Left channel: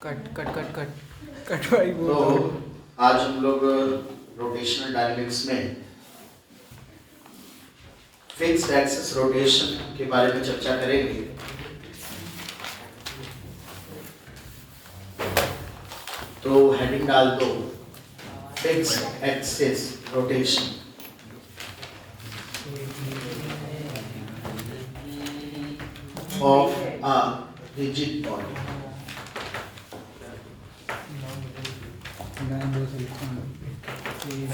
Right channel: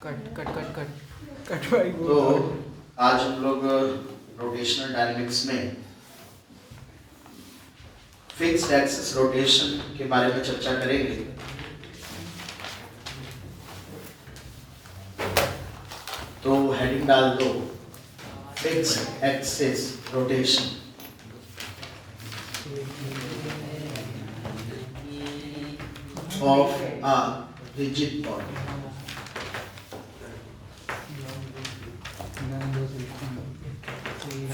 Cut cut cut cut cut भाई वो। तो आज हम लोग रोटेशनल डायनेमिक्स में फिक्स्ड एक्सिस रोटेशन के बारे में चर्चा करेंगे। तो हेडिंग डाल दो, fixed axis rotation. Of a rigid body.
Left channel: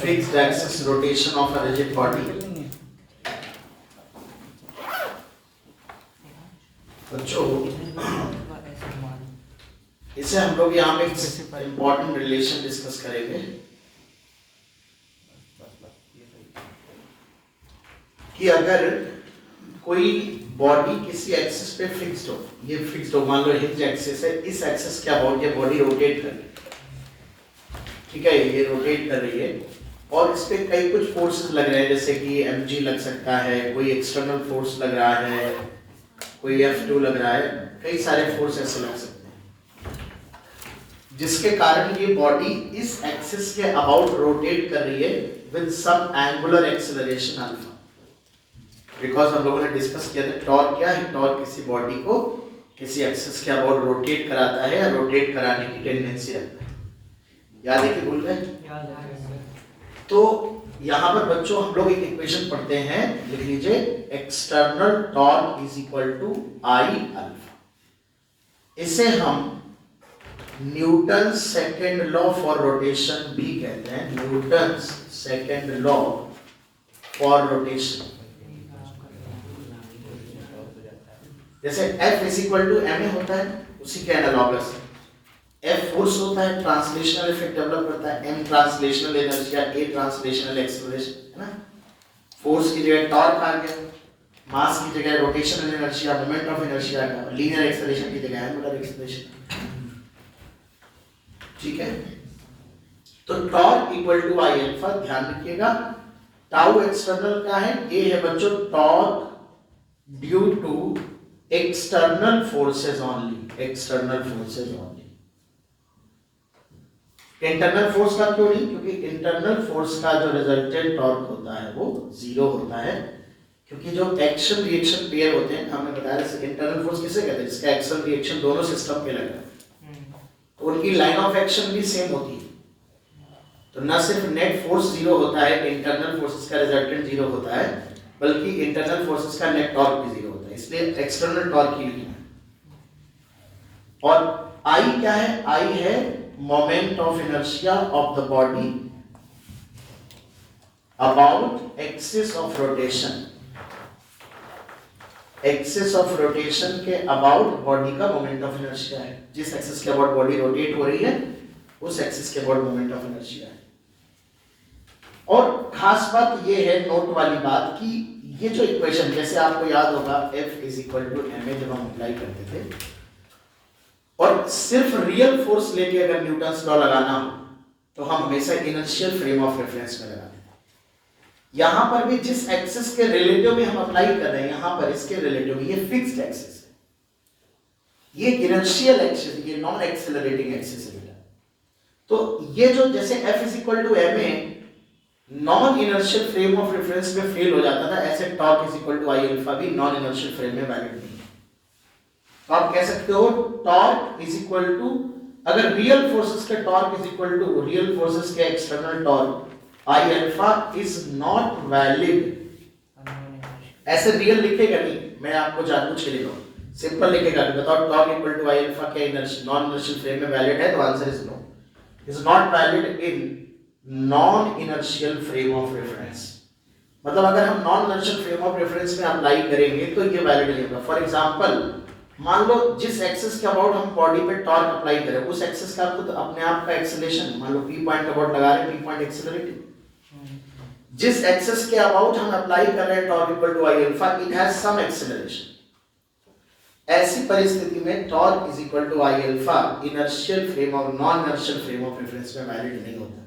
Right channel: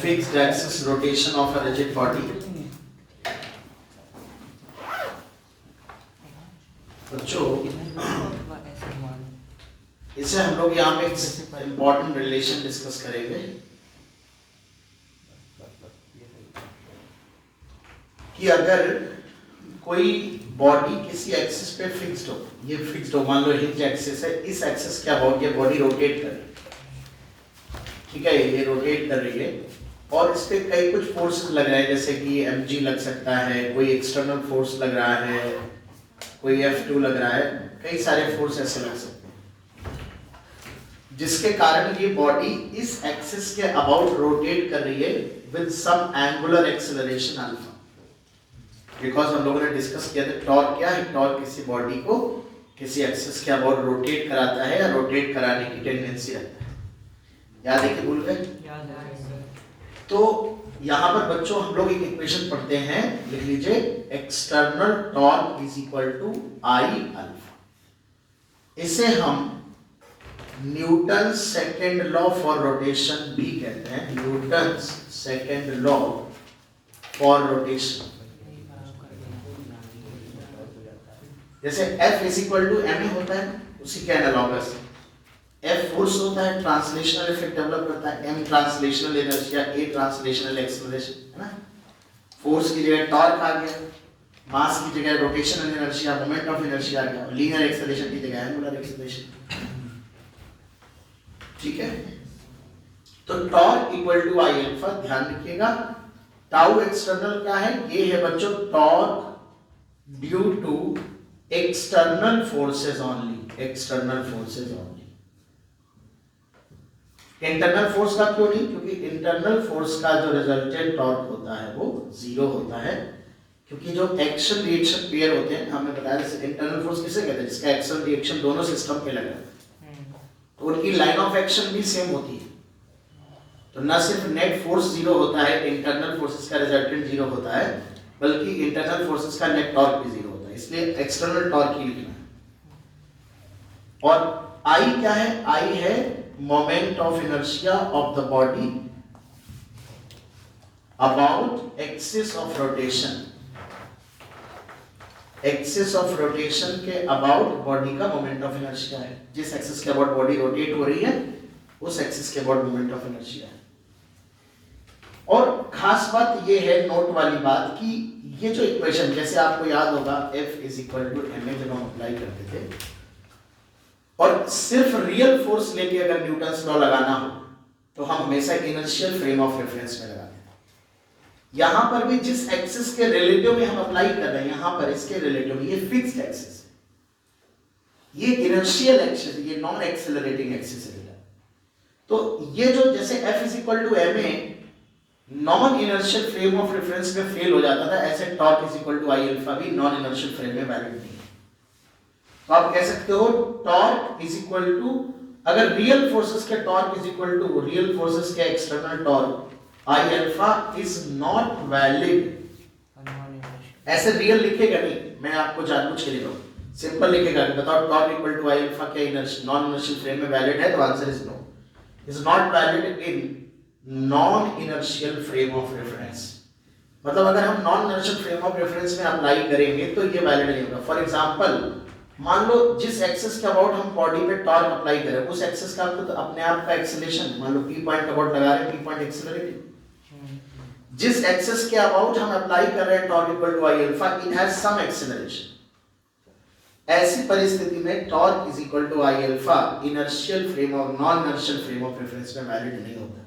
Fixed axis rotation of a rigid body। बच्चों, इसे हम लोग यहाँ पे इम्पोर्टेंट रिलेशन डिस्कस करेंगे कि अगर कोई बॉडी किसी एक्सिस पे फिक्स्ड हो, ये फिक्स्ड हो, मान लो हिंज एक्सिस है, इस एक्सिस क्या बॉडी रोटेट कर रही है, ठीक है, ये रोटेट कर रही है और इस पे कई कुछ फोर्सेस लग रहे हैं, जैसे कि mg लग सकता है, कोई एक्सटर्नल फोर्स लग रहा है, कोई F2 लग रहा है, कई सारे फोर्स ऐसे लग सकते हैं जिसके कारण ये बॉडी इस एक्सिस के अबाउट रोटेट कर रही है with some angular acceleration alpha. Because हम लोगों ने डिस्कस किया था टॉर्क क्या है, टॉर्क किसी बॉडी को किसी एक्सिस के अबाउट रोटेट कराता है या रोटेट कराने की टेंडेंसी रखता है। याद है कि भूल गए? तो यहां पर बच्चों हम लोग एक इक्वेशन पढ़ते हैं, लिख लीजिए, external torque is equal to I alpha. इसे हम Newton second law for rotation भी कहते हैं, Newton second law for rotation. जैसे F is equal to ma होता है, उसी के एनालॉगस F फोर्स होता है, ट्रांसलेशनल इफेक्ट डेवलप करता है, M translational inertia, A translational acceleration, है ना। फोर्स की जगह टॉर्क आ गया, मास की जगह rotational inertia, moment of inertia आ गया, लीनियर एक्सेलरेशन की जगह एंगुलर एक्सेलरेशन, ठीक है। तो torque equal to I alpha, ध्यान रखिएगा। टाउ एक्सटर्नल क्या है, ये है बच्चों torque due to external forces only, external forces only. Internal force का क्यों नहीं, क्योंकि इंटरनल फोर्स का जो रिजल्टेंट टॉर्क होता है वो जीरो होता है, क्योंकि जो एक्शन रिएक्शन पेयर होते हैं, हमने बताया जैसे इंटरनल फोर्स किसे कहते हैं, जिसका एक्शन रिएक्शन दोनों सिस्टम पे लगा है, तो उनकी लाइन ऑफ एक्शन भी सेम होती है। तो न सिर्फ नेट फोर्स जीरो होता है, इंटरनल फोर्सेस का रिजल्टेंट जीरो होता है, बल्कि इंटरनल फोर्सेस का नेट टॉर्क भी जीरो होता है, इसलिए एक्सटर्नल टॉर्क ही लिखना। और आई क्या है, आई है moment of inertia of the body about axis of rotation, axis of rotation के about body का moment of inertia है, जिस axis के about body rotate हो रही है उस axis के about moment of inertia है। और खास बात ये है, नोट वाली बात, कि ये जो इक्वेशन, जैसे आपको याद होगा F is equal to ma जब हम अप्लाई करते थे, और सिर्फ रियल फोर्स लेके अगर न्यूटन्स लॉ लगाना हो तो हम हमेशा इनर्शियल फ्रेम ऑफ रेफरेंस में लगाते हैं। यहां पर भी जिस एक्सिस के रिलेटिव में हम अप्लाई कर रहे हैं, यहां पर इसके रिलेटिव में ये फिक्स्ड एक्सिस है, ये इनर्शियल एक्सिस, ये नॉन एक्सेलरेटिंग एक्सिस है। तो ये जो जैसे F is equal to ma non inertial frame of reference में फेल हो जाता था, ऐसे torque is equal to I alpha भी नॉन इनर्शियल फ्रेम में वैलिड नहीं है। तो आप कह सकते हो टॉर्क इज इक्वल टू, अगर रियल फोर्सेस के torque is equal to real forces के external torque, I alpha is not valid. ऐसे रियल लिखेगा नहीं, मैं आपको जानबूझ के लिख रहा हूं, सिंपल लिखेगा, बताओ torque equal to I alpha क्या इनर्शियल नॉन इनर्शियल फ्रेम में वैलिड है, तो answer is no, is not valid in non inertial frame of reference. मतलब अगर हम non inertial frame of reference में अप्लाई करेंगे तो ये वैलिड नहीं होगा। फॉर एग्जांपल, मान लो जिस एक्सिस के अबाउट हम बॉडी पे टॉर्क अप्लाई करें, उस एक्सिस का तो अपने आप का एक्सेलरेशन, मान लो P पॉइंट अबाउट लगा रहे हैं, P पॉइंट एक्सेलरेटिंग, जिस एक्सिस के अबाउट हम अप्लाई कर रहे हैं torque equal to I alpha, it has some acceleration. ऐसी परिस्थिति में torque is equal to I alpha inertial frame of non inertial frame of reference में वैलिड नहीं होता।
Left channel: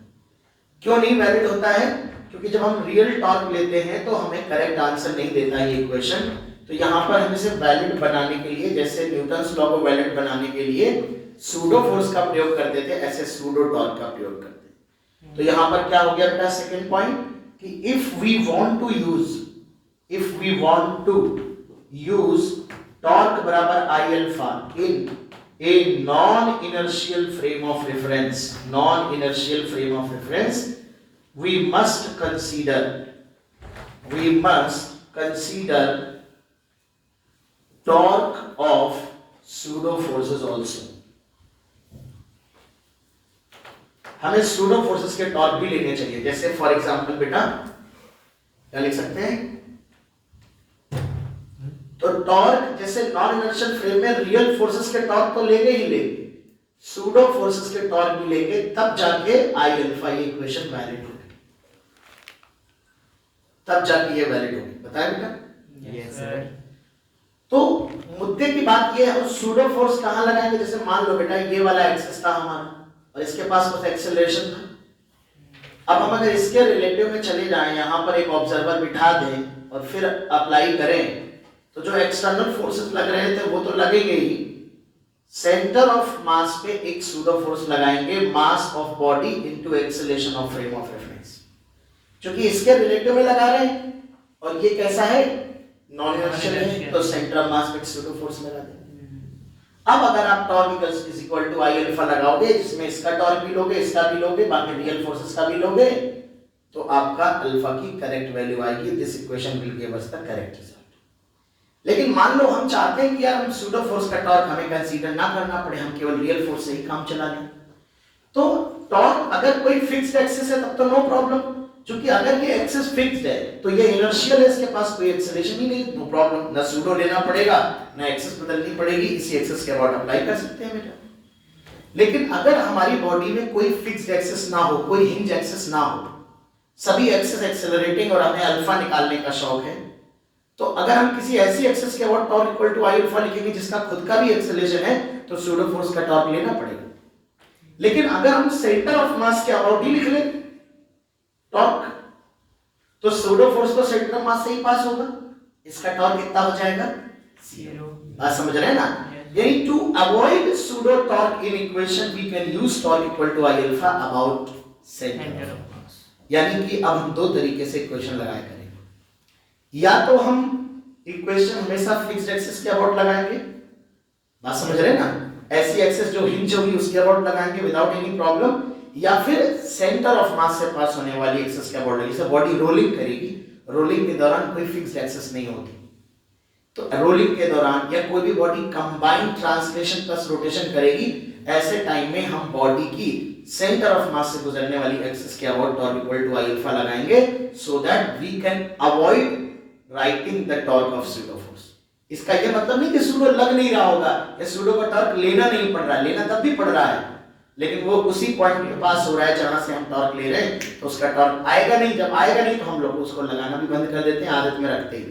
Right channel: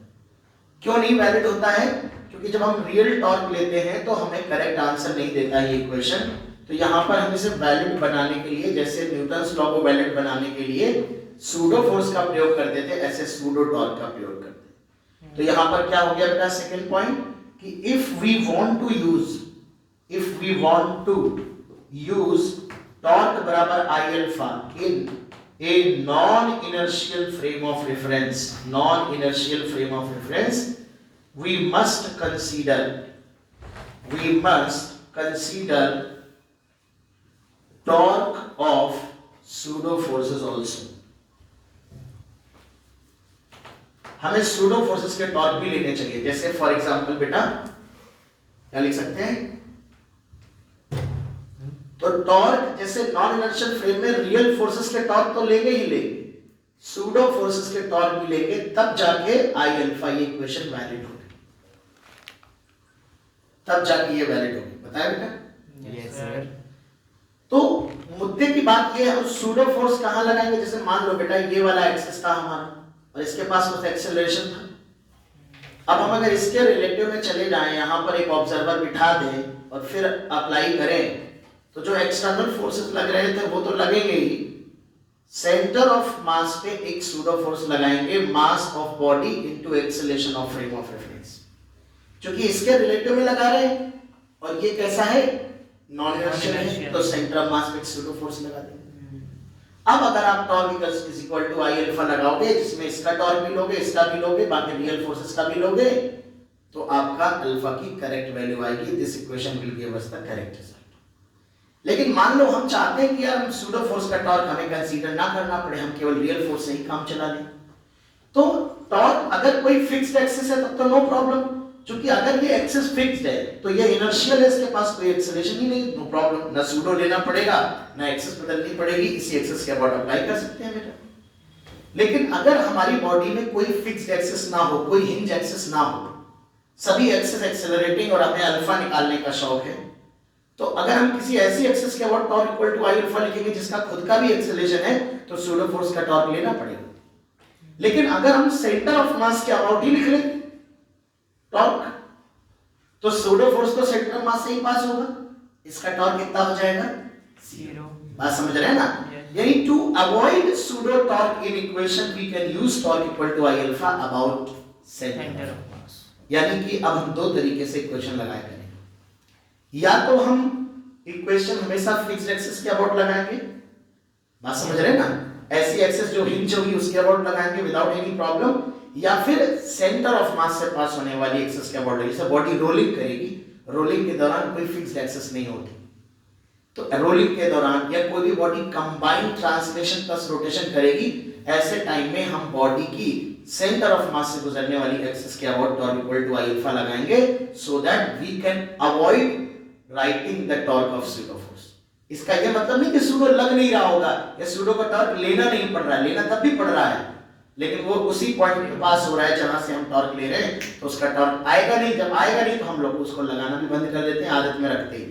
क्यों नहीं वैलिड होता है? क्योंकि जब हम रियल टॉर्क लेते हैं तो हमें करेक्ट आंसर नहीं देता है ये इक्वेशन। तो यहाँ पर हम इसे वैलिड बनाने के लिए, जैसे न्यूटन्स लॉ को वैलिड बनाने के लिए सूडो फोर्स का प्रयोग करते थे, ऐसे सूडो टॉर्क का प्रयोग करते। तो यहां पर क्या हो गया बेटा सेकंड पॉइंट कि if we want to use torque बराबर I alpha in a non inertial frame of reference, we must consider torque of pseudo forces also। हमें pseudo forces के टॉर्क भी लेने चाहिए। जैसे फॉर एग्जांपल बेटा क्या लिख सकते हैं, तो टॉर्क जैसे नॉन इनर्शियल फ्रेम में रियल फोर्सेस के टॉर्क तो लेंगे ही लेंगे, सूडो फोर्सेस के टॉर्क भी लेंगे, तब जाके आई अल्फा ये इक्वेशन वैलिड होगी, तब जाके ये वैलिड होगी। बताया बेटा? Yes sir. तो मुद्दे की बात ये है सूडो फोर्स कहां लगाएंगे। जैसे मान लो बेटा ये वाला एक्सिस था हमारा और इसके पास कुछ एक्सेलरेशन था। अब हम अगर इसके रिलेटिव में चले जाएं, यहां पर एक ऑब्जर्वर बिठा दें और फिर अप्लाई करें, तो जो एक्सटर्नल फोर्सेस लग रहे थे वो तो लगेंगे ही, सेंटर ऑफ मास पे एक सूडो फोर्स लगाएंगे, मास of body into acceleration of frame of reference, क्योंकि इसके रिलेटिव में लगा रहे हैं और ये कैसा है नॉन इनर्शियल है, तो सेंटर ऑफ मास पे सूडो फोर्स लगा देंगे। अब अगर आप torque is equal to I alpha लगाओगे, जिसमें इसका टॉर्क भी लोगे, इसका भी लोगे, बाकी रियल फोर्सेस का भी लोगे, तो आपका अल्फा की करेक्ट वैल्यू आएगी। This equation will give us the correct result. लेकिन मान लो हम चाहते हैं कि यार हम सूडो फोर्स का टॉर्क हमें कंसीडर ना करना पड़े, हम केवल रियल फोर्स से ही काम चला लें, तो टॉर्क अगर कोई फिक्स्ड एक्सिस है तब तो नो प्रॉब्लम, क्योंकि अगर ये एक्सिस फिक्स्ड है तो ये इनर्शियल है, इसके पास कोई एक्सेलरेशन ही नहीं, नो प्रॉब्लम, ना सूडो लेना पड़ेगा ना एक्सिस बदलनी पड़ेगी, इसी एक्सिस के अबाउट अप्लाई कर सकते हैं बेटा। लेकिन अगर हमारी बॉडी में कोई फिक्स्ड एक्सिस ना हो, कोई हिंज एक्सिस ना हो, सभी एक्सिस एक्सेलरेटिंग और हमें अल्फा निकालने का शौक है, तो अगर हम किसी ऐसी एक्सिस के about torque equal to I alpha लिखेंगे जिसका खुद का भी एक्सेलरेशन है, तो सूडो फोर्स का टॉर्क लेना पड़ेगा। लेकिन अगर हम सेंटर ऑफ मास के अबाउट ही लिख लें टॉर्क, तो सूडो फोर्स तो सेंटर ऑफ मास से ही पास होगा, इसका टॉर्क कितना हो जाएगा, 0। बात समझ रहे हैं ना? यानी to avoid pseudo torque in equation we can use torque equal to I alpha about centre of mass. यानी कि अब हम दो तरीके से इक्वेशन लगाया करेंगे, या तो हम इक्वेशन हमेशा फिक्स्ड एक्सिस के अबाउट लगाएंगे, बात समझ रहे हैं ना, ऐसी एक्सिस जो हिंज होगी उसके अबाउट लगाएंगे विदाउट एनी प्रॉब्लम, या फिर सेंटर ऑफ मास से पास होने वाली एक्सिस के अबाउट, जैसे बॉडी रोलिंग करेगी, रोलिंग के दौरान कोई फिक्स्ड एक्सिस नहीं होती, तो रोलिंग के दौरान या कोई भी body combined translation plus rotation करेगी, ऐसे टाइम में हम बॉडी की सेंटर ऑफ मास से गुजरने वाली एक्सिस के about torque equal to I alpha लगाएंगे, so that we can avoid writing the torque of pseudo force. इसका ये मतलब नहीं कि सूडो लग नहीं रहा होगा या सूडो का टॉर्क लेना नहीं पड़ रहा है, लेना तब भी पड़ रहा है, लेकिन वो उसी पॉइंट के पास हो रहा है जहां से हम टॉर्क ले रहे हैं, तो उसका टॉर्क आएगा नहीं, जब आएगा नहीं तो हम लोग उसको लगाना भी बंद कर देते हैं, आदत में रखते ही।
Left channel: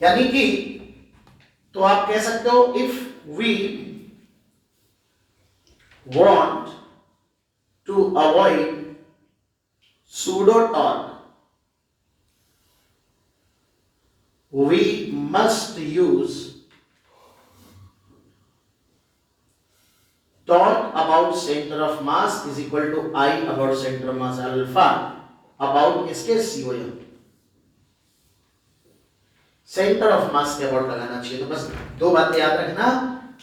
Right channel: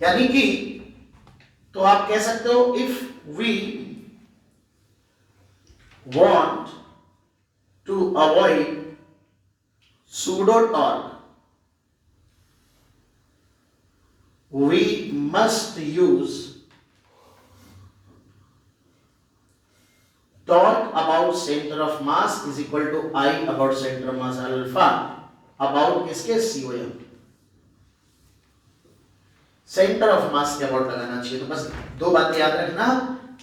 यानी कि तो आप कह सकते हो if we want to avoid pseudo torque, we must use torque about center of mass is equal to I about center of mass alpha about इसके COM, सेंटर ऑफ मास के अबाउट लगाना चाहिए। तो बस दो बातें याद रखना,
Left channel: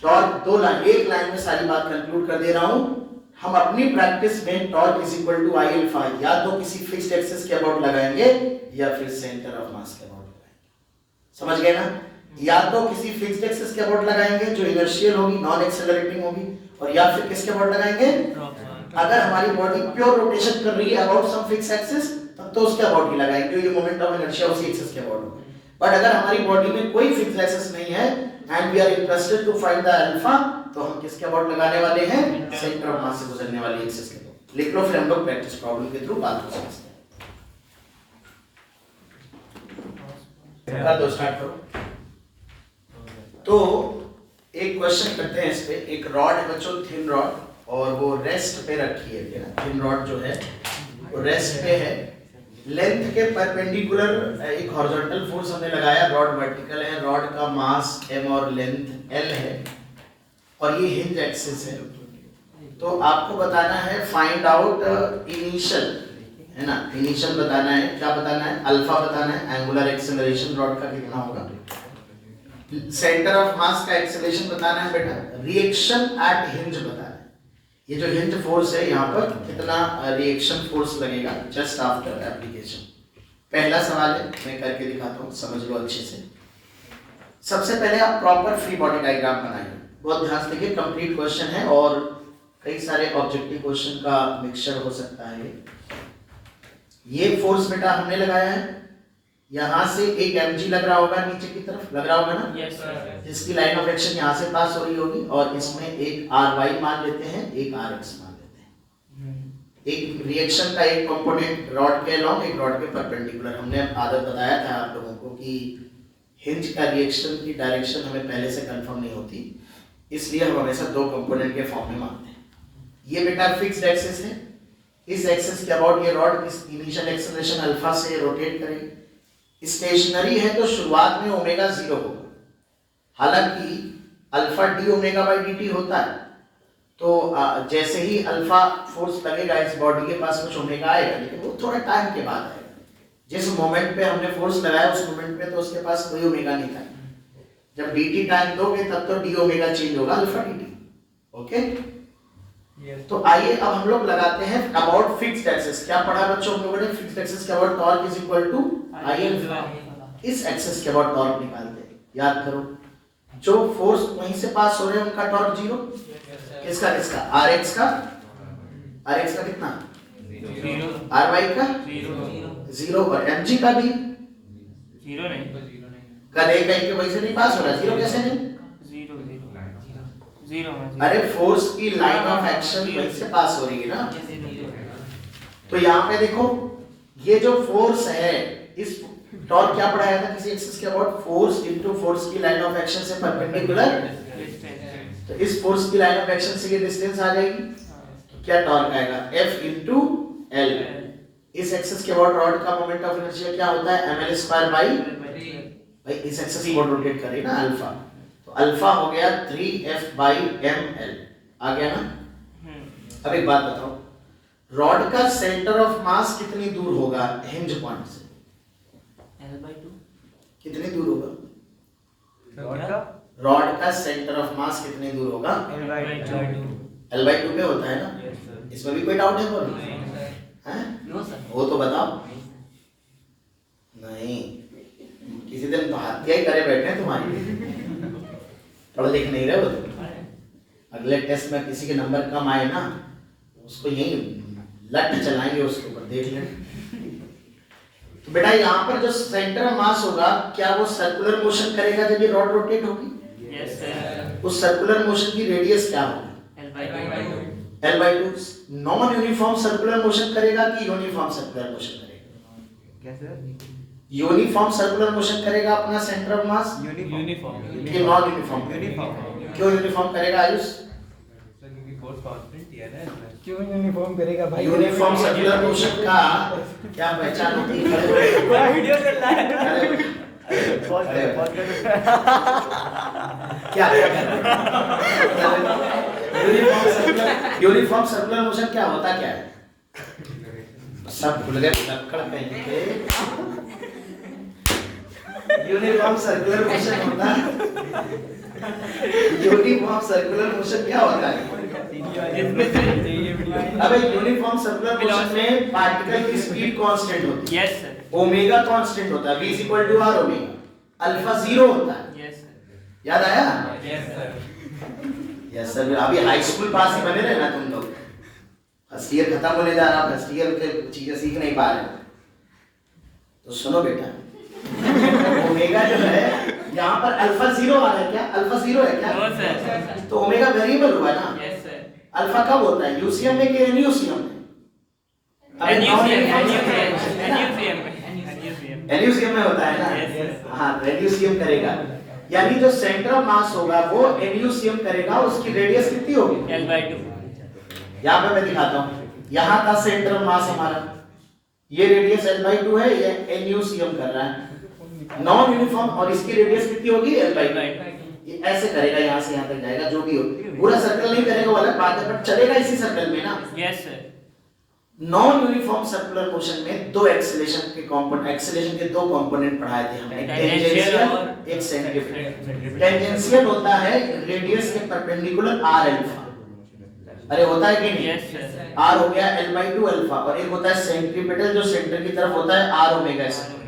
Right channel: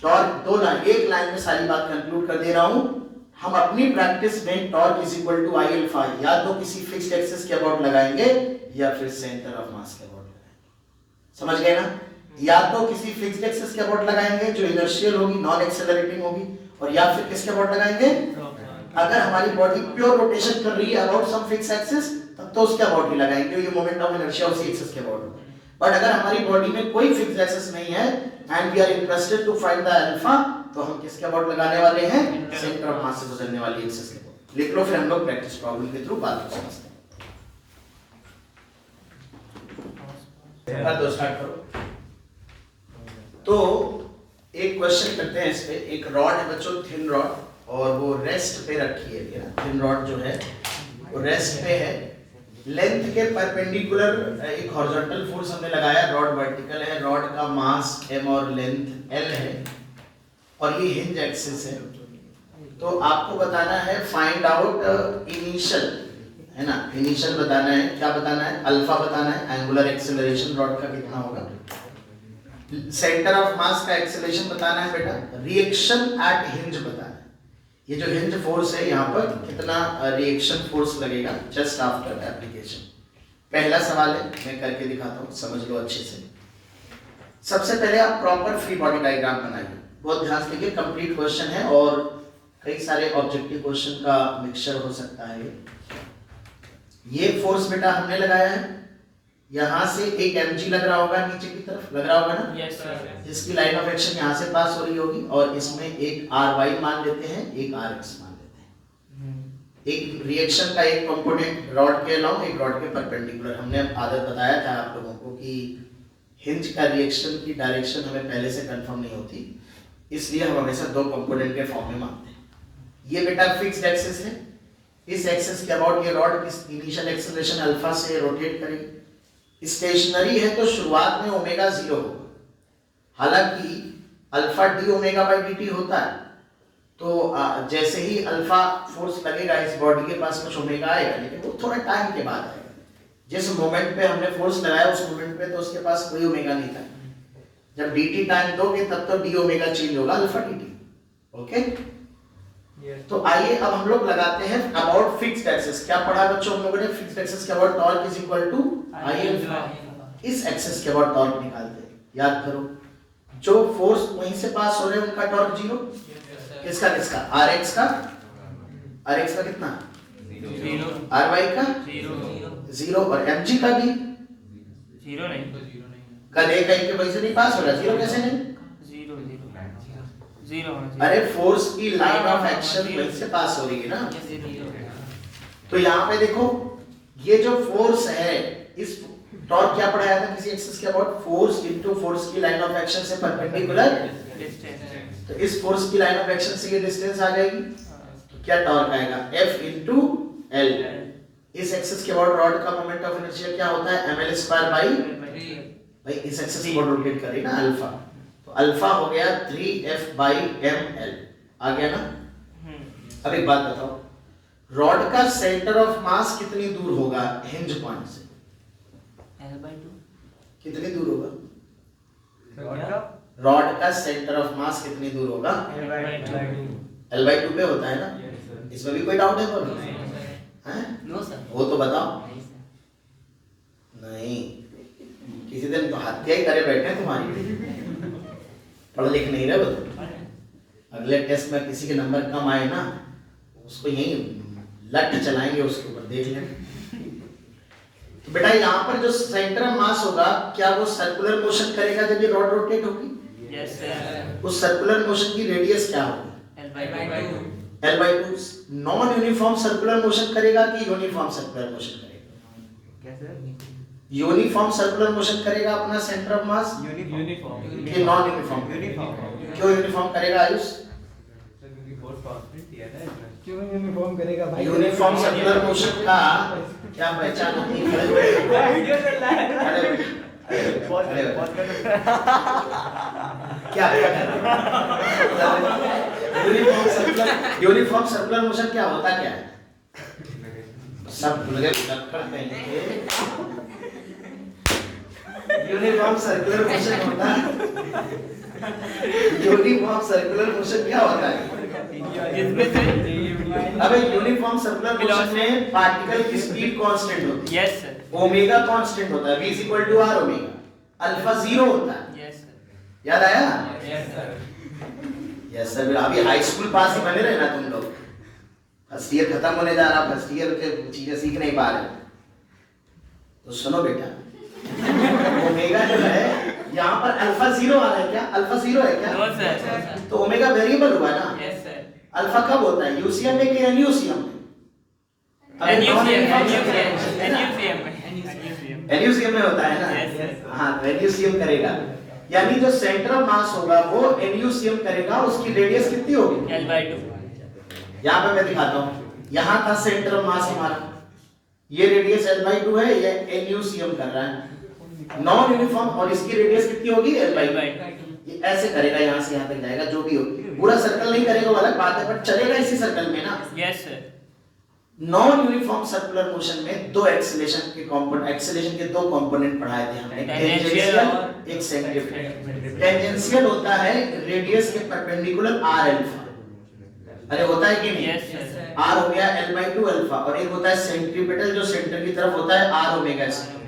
टॉर्क दो लाइन, एक लाइन में सारी बात कंक्लूड कर दे रहा हूं। हम अपनी प्रैक्टिस में torque is equal to I alpha या तो किसी फिक्स्ड एक्सिस के अबाउट लगाएंगे या फिर सेंटर ऑफ मास के अबाउट, समझ गए ना? या तो किसी फिक्स्ड एक्सिस के अबाउट लगाएंगे जो इनर्शियल होगी, नॉन एक्सेलरेटिंग होगी, और या फिर किसके अबाउट लगाएंगे, अगर हमारी बॉडी प्योर रोटेशन कर रही है अबाउट सम फिक्स्ड एक्सिस, तब तो उसके अबाउट ही लगाएंगे क्योंकि मोमेंट ऑफ इनर्शिया उसी एक्सिस के अबाउट होगा। बट अगर हमारी बॉडी में कोई फिक्स्ड एक्सिस नहीं है and we are interested to find the alpha, तो हम किसके अबाउट लगाने वाले हैं, सेंटर ऑफ मास से गुजरने वाली एक्सिस के अबाउट। लिख लो, फिर हम लोग प्रैक्टिस प्रॉब्लम के थ्रू बात को समझते हैं। कर दो, स्टार्ट करो। तो एक क्वेश्चन करते हैं इस पे। एक रॉड है बच्चों, थिन रॉड, और वो रेस्ट पे रखी है। थिन रॉड जो है वो रेस्ट पे है, लेंथ के परपेंडिकुलर एक हॉरिजॉन्टल फोर्स हमने लगाया, रॉड वर्टिकल है, रॉड का मास m और लेंथ l है, और ये हिंज एक्सिस है। तो आपको बताना है फाइंड आउट इनिशियल, है ना, इनिशियल बताना है, क्या बताना है, अल्फा बताना है, एंगुलर एक्सेलरेशन रॉड का कितना होगा, सेंटर ऑफ मास का एक्सेलरेशन बताना है बेटा, रिएक्शन एट हिंज बताना है, ये जो हिंज फोर्स है यहाँ पर कितना रिएक्शन फोर्स लगेगा जस्ट आफ्टर एप्लीकेशन। पहला सवाल है, मैं करके दिखाता हूँ, समझ लो अच्छे से। सबसे पहले आप प्रॉपर फ्री बॉडी डायग्राम बनाइए, बहुत ध्यान से देखिए, कंप्लीट क्वेश्चन है और कई सारे ऑब्जेक्टिव क्वेश्चन का मिक्सचर हो सकता है। ये फोर्स बेटा हमने लगाया है, यहाँ से एक mg लग रहा होगा, नीचे की तरफ लग रहा होगा ना, यस सर। इसकी लाइन ऑफ एक्शन यहाँ से पास हो रही होगी और इसमें एक ry मान लेते हैं, एक rx मान लेते हैं। एक रिएक्शन का एक कंपोनेंट रॉड के अलॉन्ग, एक रॉड के परपेंडिकुलर। हमने आदत बताया था आप लोगों को कि हिंज का रिएक्शन की डायरेक्शन हमें पहले से कंफर्म नहीं होती, इसलिए हम हमेशा दो कंपोनेंट के फॉर्म में मानते हैं। ये बेटा फिक्स्ड एक्सिस है, इस एक्सिस के अबाउट ये रॉड इस इनिशियल एक्सेलरेशन अल्फा से रोटेट करेगी। स्टेशनरी है तो शुरुआत में ओमेगा 0 होगा, हालांकि alpha D omega by D T होता है, तो जैसे ही अल्फा फोर्स लगेगा इस बॉडी के पास कुछ ओमेगा आएगा, लेकिन वो थोड़ा टाइम के बाद आएगा। जिस मोमेंट पे हमने फोर्स लगाया उस मोमेंट पे तो उसके पास कोई ओमेगा नहीं था, जब dt टाइम दोगे तब तो d ओमेगा चेंज होगा अल्फा dt। ओके, तो आइए अब हम लोग लगाते हैं अबाउट फिक्स्ड एक्सिस। क्या पढ़ा बच्चों हम लोगों ने, फिक्स्ड एक्सिस के about torque is equal to I. इस एक्सिस के अबाउट टॉर्क निकालते हैं, याद करो जो फोर्स वहीं से पास हो रहे हैं उनका टॉर्क 0, किसका किसका, rx का कितना, ry का 0 और mg का भी 0 नहीं, कल एक के वजह से नहीं पास हो रहा, 0 कैसे नहीं, 0। अरे फोर्स की लाइन ऑफ एक्शन वहीं से पास हो रही है ना। तो यहाँ पे देखो ये जो फोर्स है, इस टॉर्क क्या पढ़ाया था किसी एक्सिस के अबाउट, फोर्स इनटू फोर्स की लाइन ऑफ एक्शन से परपेंडिकुलर, तो इस फोर्स की लाइन ऑफ एक्शन से ये डिस्टेंस आ जाएगी, तो क्या टॉर्क आएगा F इनटू L। इस एक्सिस के अबाउट रॉड का मोमेंट ऑफ इनर्शिया क्या होता है, ml स्क्वायर बाई, भाई इस एक्सिस को रोटेट कर रही ना अल्फा, तो अल्फा हो गया 3f बाई ml, आ गया ना। अब एक बात बताओ, रॉड का सेंटर ऑफ मास कितनी दूर होगा हिंज पॉइंट से, L/2 कितनी दूर होगा, रॉड का सेंटर ऑफ मास कितनी दूर होगा, L/2 पे होता है ना, इसमें भी कोई डाउट है बोलो, हैं वो तो बताओ, नहीं किसी दिन तो हत्या ही करे बैठे हैं तुम्हारी, पढ़ लिख नहीं रहे हो तुम। अगले टेस्ट में किसी के नंबर कम आए ना, उसको यही लट चलाएंगे उसके ऊपर, देख लेना। तो बेटा यहाँ पर जो सेंटर ऑफ मास होगा, क्या वो सर्कुलर मोशन करेगा जब ये रॉड रोटेट होगी, यस सर। उस सर्कुलर मोशन की रेडियस क्या होगी, L/2। Non uniform circular motion करेगा कि यूनिफॉर्म सर्कुलर मोशन करेगा, क्या सर, यूनिफॉर्म सर्कुलर मोशन करेगा अपना सेंटर ऑफ मास, यूनिफॉर्म कि नॉन यूनिफॉर्म, क्यों यूनिफॉर्म करेगा आयुष, क्यों यूनिफॉर्म करेगा भाई, यूनिफॉर्म सर्कुलर मोशन का क्या पहचान होती है, वीडियो चल रहा है, क्या यूनिफॉर्म सर्कुलर मोशन क्या होता क्या है, सब भूल गए, यूनिफॉर्म सर्कुलर मोशन होता है, यूनिफॉर्म सर्कुलर मोशन क्या होता है, अबे यूनिफॉर्म सर्कुलर मोशन में पार्टिकल की स्पीड कांस्टेंट होती है, यस सर, ओमेगा कांस्टेंट होता है, v = r ओमेगा, अल्फा 0 होता है, यस सर, याद आया, यस सर, यस सर। अभी हाई स्कूल पास ही बने रहे ना तुम लोग, फर्स्ट ईयर खत्म होने जा रहा, फर्स्ट ईयर के चीजें सीख नहीं पा रहे, तो सुनो बेटा, ओमेगा जो है यहाँ पर अल्फा 0 आ रहा है, क्या अल्फा 0 है क्या, नो सर, तो ओमेगा वेरिएबल हुआ ना, यस सर। अल्फा कब होता है, यूसीएम में कि एनयूसीएम में, एनयूसीएम में होता है ना, हाँ एनयूसीएम करेगा, यानी जो सेंटर ऑफ मास होगा वो एनयूसीएम करेगा, उसकी रेडियस कितनी होगी, L/2। यहाँ पे मैं दिखाता हूँ, यहाँ का सेंटर ऑफ मास हमारा, ये रेडियस L/2 है, ये एनयूसीएम कर रहा है, नॉन यूनिफॉर्म, और इसकी रेडियस कितनी होगी L/2, ये ऐसे करेगा, यहाँ से यहाँ तक जाएगा, जो भी हो पूरा सर्कल नहीं करेगा वो अलग बात है, बट चलेगा इसी सर्कल में ना। Yes sir. Non uniform circular motion में दो एक्सेलेरेशन के दो कंपोनेंट पढ़ाए थे हमने, टेंजेंशियल और एक सेंट्रीपिटल। टेंजेंशियल होता है रेडियस के परपेंडिकुलर आर अल्फा, अरे होता है कि नहीं? Yes sir. आर हो गया l/2 अल्फा, और एक होता है सेंट्रीपिटल जो सेंटर की तरफ होता है आर ओमेगा स्क्वायर,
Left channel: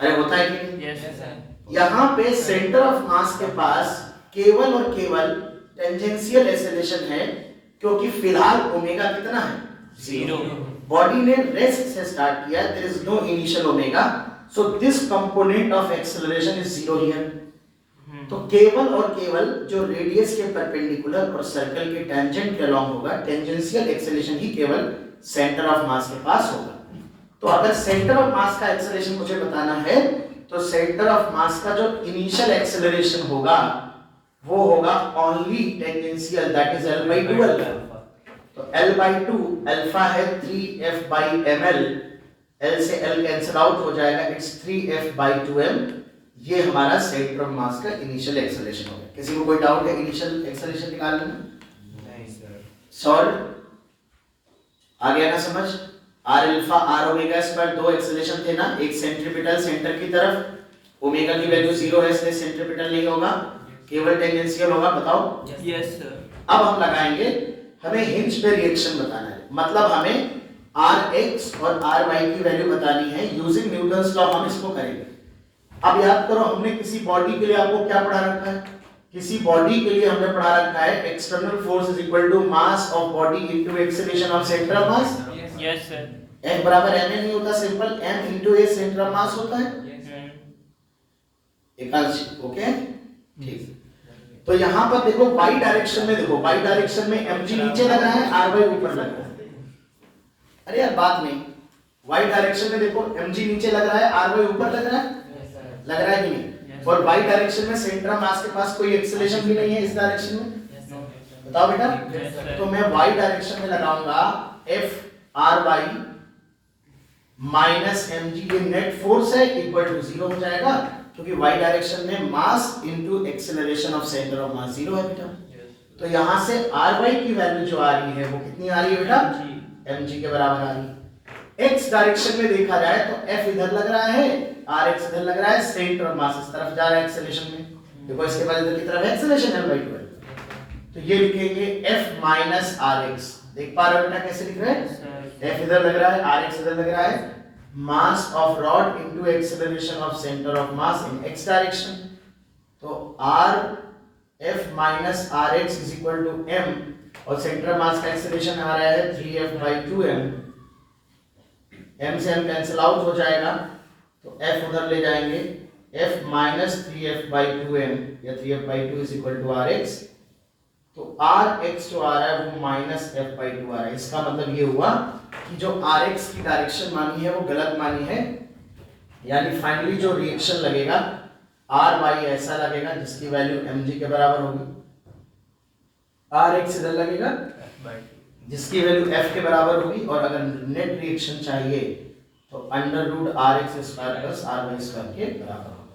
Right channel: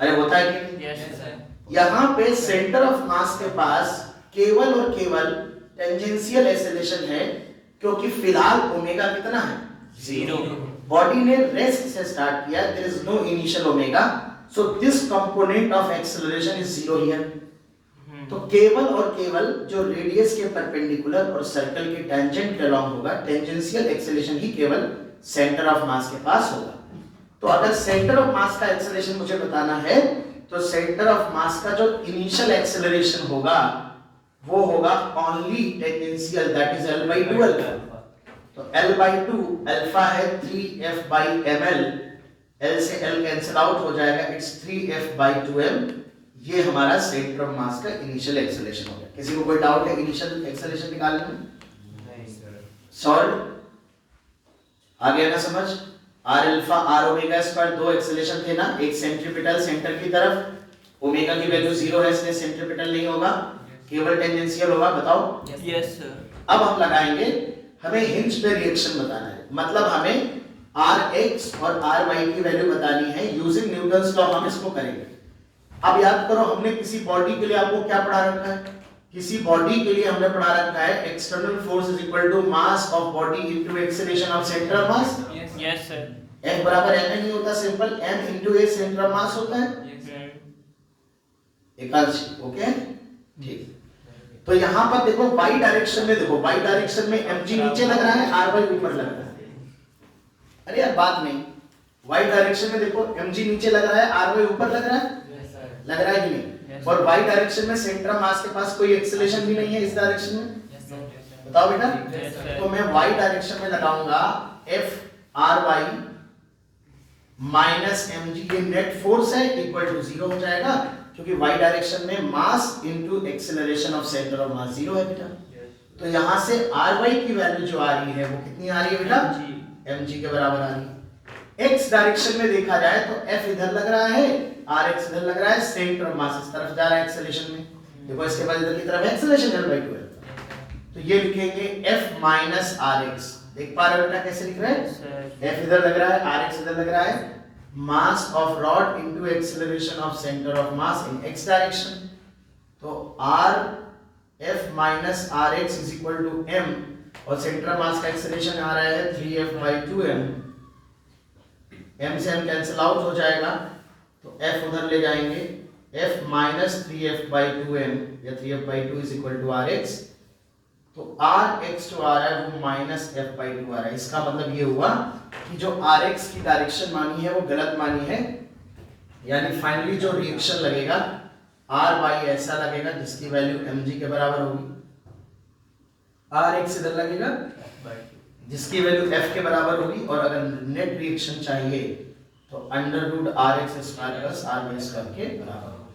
अरे होता है कि नहीं? Yes sir. यहाँ पे सेंटर ऑफ मास के पास केवल और केवल टेंजेंशियल एक्सेलरेशन है, क्योंकि फिलहाल ओमेगा कितना है? 0। बॉडी ने रेस्ट से स्टार्ट किया, there is no initial omega, so this component of acceleration is 0 here. तो केवल और केवल जो रेडियस के परपेंडिकुलर और सर्कल के टेंजेंट के अलोंग होगा, टेंजेंशियल एक्सेलरेशन ही केवल सेंटर ऑफ मास के पास होगा। तो अगर सेंटर ऑफ मास का एक्सेलरेशन मुझे बताना है, तो सेंटर ऑफ मास का जो इनिशियल एक्सेलरेशन होगा वो होगा only tangential, that is l/2 alpha. तो l/2 अल्फा है 3f/ml, l से l कैंसिल आउट हो जाएगा, इट्स 3f/2m। ये हमारा सेंटर ऑफ मास का इनिशियल एक्सेलरेशन हो गया। किसी को कोई डाउट है इनिशियल एक्सेलरेशन निकालने में? नहीं सर। सॉल्व आ गया ना समझ? R alpha r omega square दो एक्सेलरेशन थे ना, एक सेंट्रीपिटल सेंटर की तरफ, ओमेगा की वैल्यू 0 है इसलिए सेंट्रीपिटल नहीं होगा, केवल टेंजेंशियल होगा। बताओ। Yes sir. अब हम लगाएंगे, हमें हिंज पे रिएक्शन बताना है, मतलब हमें Rx और Ry की वैल्यू बतानी है यूजिंग न्यूटन्स लॉ। हम इसको करेंगे। अब याद करो, हमने किसी बॉडी के लिए आपको क्या पढ़ा रखा है? किसी बॉडी के लिए हमने पढ़ा रखा है external force is equal to mass of body into acceleration of centre of mass. Yes sir. F बराबर m नहीं होता, simple m into a centre of mass होता है। एकांश, ओके ठीक। तो यहां पर देखो y डायरेक्शन में, देखो y डायरेक्शन में mg नीचे लग रहा है, ry ऊपर लग रहा है। अरे यार बात नहीं, y डायरेक्शन में देखो mg नीचे लग रहा है, ry ऊपर लग रहा है, लग रहा है कि नहीं? और y डायरेक्शन में सेंटर ऑफ मास के पास कोई एक्सेलरेशन भी नहीं है इस डायरेक्शन में। बताओ बेटा। तो मैं y डायरेक्शन में लगाऊंगा F/Ry माइनस mg, ये नेट फोर्स है, इक्वल टू 0 हो जाएगा, क्योंकि y डायरेक्शन में mass into acceleration of centre of मास 0 है बेटा। तो यहां से Ry की वैल्यू जो आ रही है वो कितनी आ रही है बेटा? mg के बराबर आ रही है। x डायरेक्शन में देखा जाए तो F इधर लग रहा है, Rx इधर लग रहा है, सेंटर ऑफ मास इस तरफ जा रहा है एक्सेलरेशन में। देखो इसके बाद इधर की तरफ एक्सेलरेशन l/2 है, तो ये लिखेंगे F माइनस Rx। देख पा रहे हो बेटा कैसे लिख रहे हैं? F इधर लग रहा है, Rx इधर लग रहा है, mass of rod into acceleration of centre of mass in x direction. तो R F minus Rx is equal to m, और सेंटर ऑफ मास का एक्सेलरेशन आ रहा है 3f/2m। m से m कैंसिल आउट हो जाएगा, तो f उधर ले जाएंगे, f माइनस 3f/2m या 3f/2 is equal to Rx। तो Rx जो आ रहा है वो माइनस f/2 आ रहा है। इसका मतलब ये हुआ कि जो Rx की डायरेक्शन मानी है वो गलत मानी है, यानी फाइनली जो रिएक्शन लगेगा Ry ऐसा लगेगा जिसकी वैल्यू mg के बराबर होगी, Rx इधर लगेगा जिसकी वैल्यू f के बराबर होगी, और अगर नेट रिएक्शन चाहिए तो √Rx² प्लस Ry² के बराबर होगा।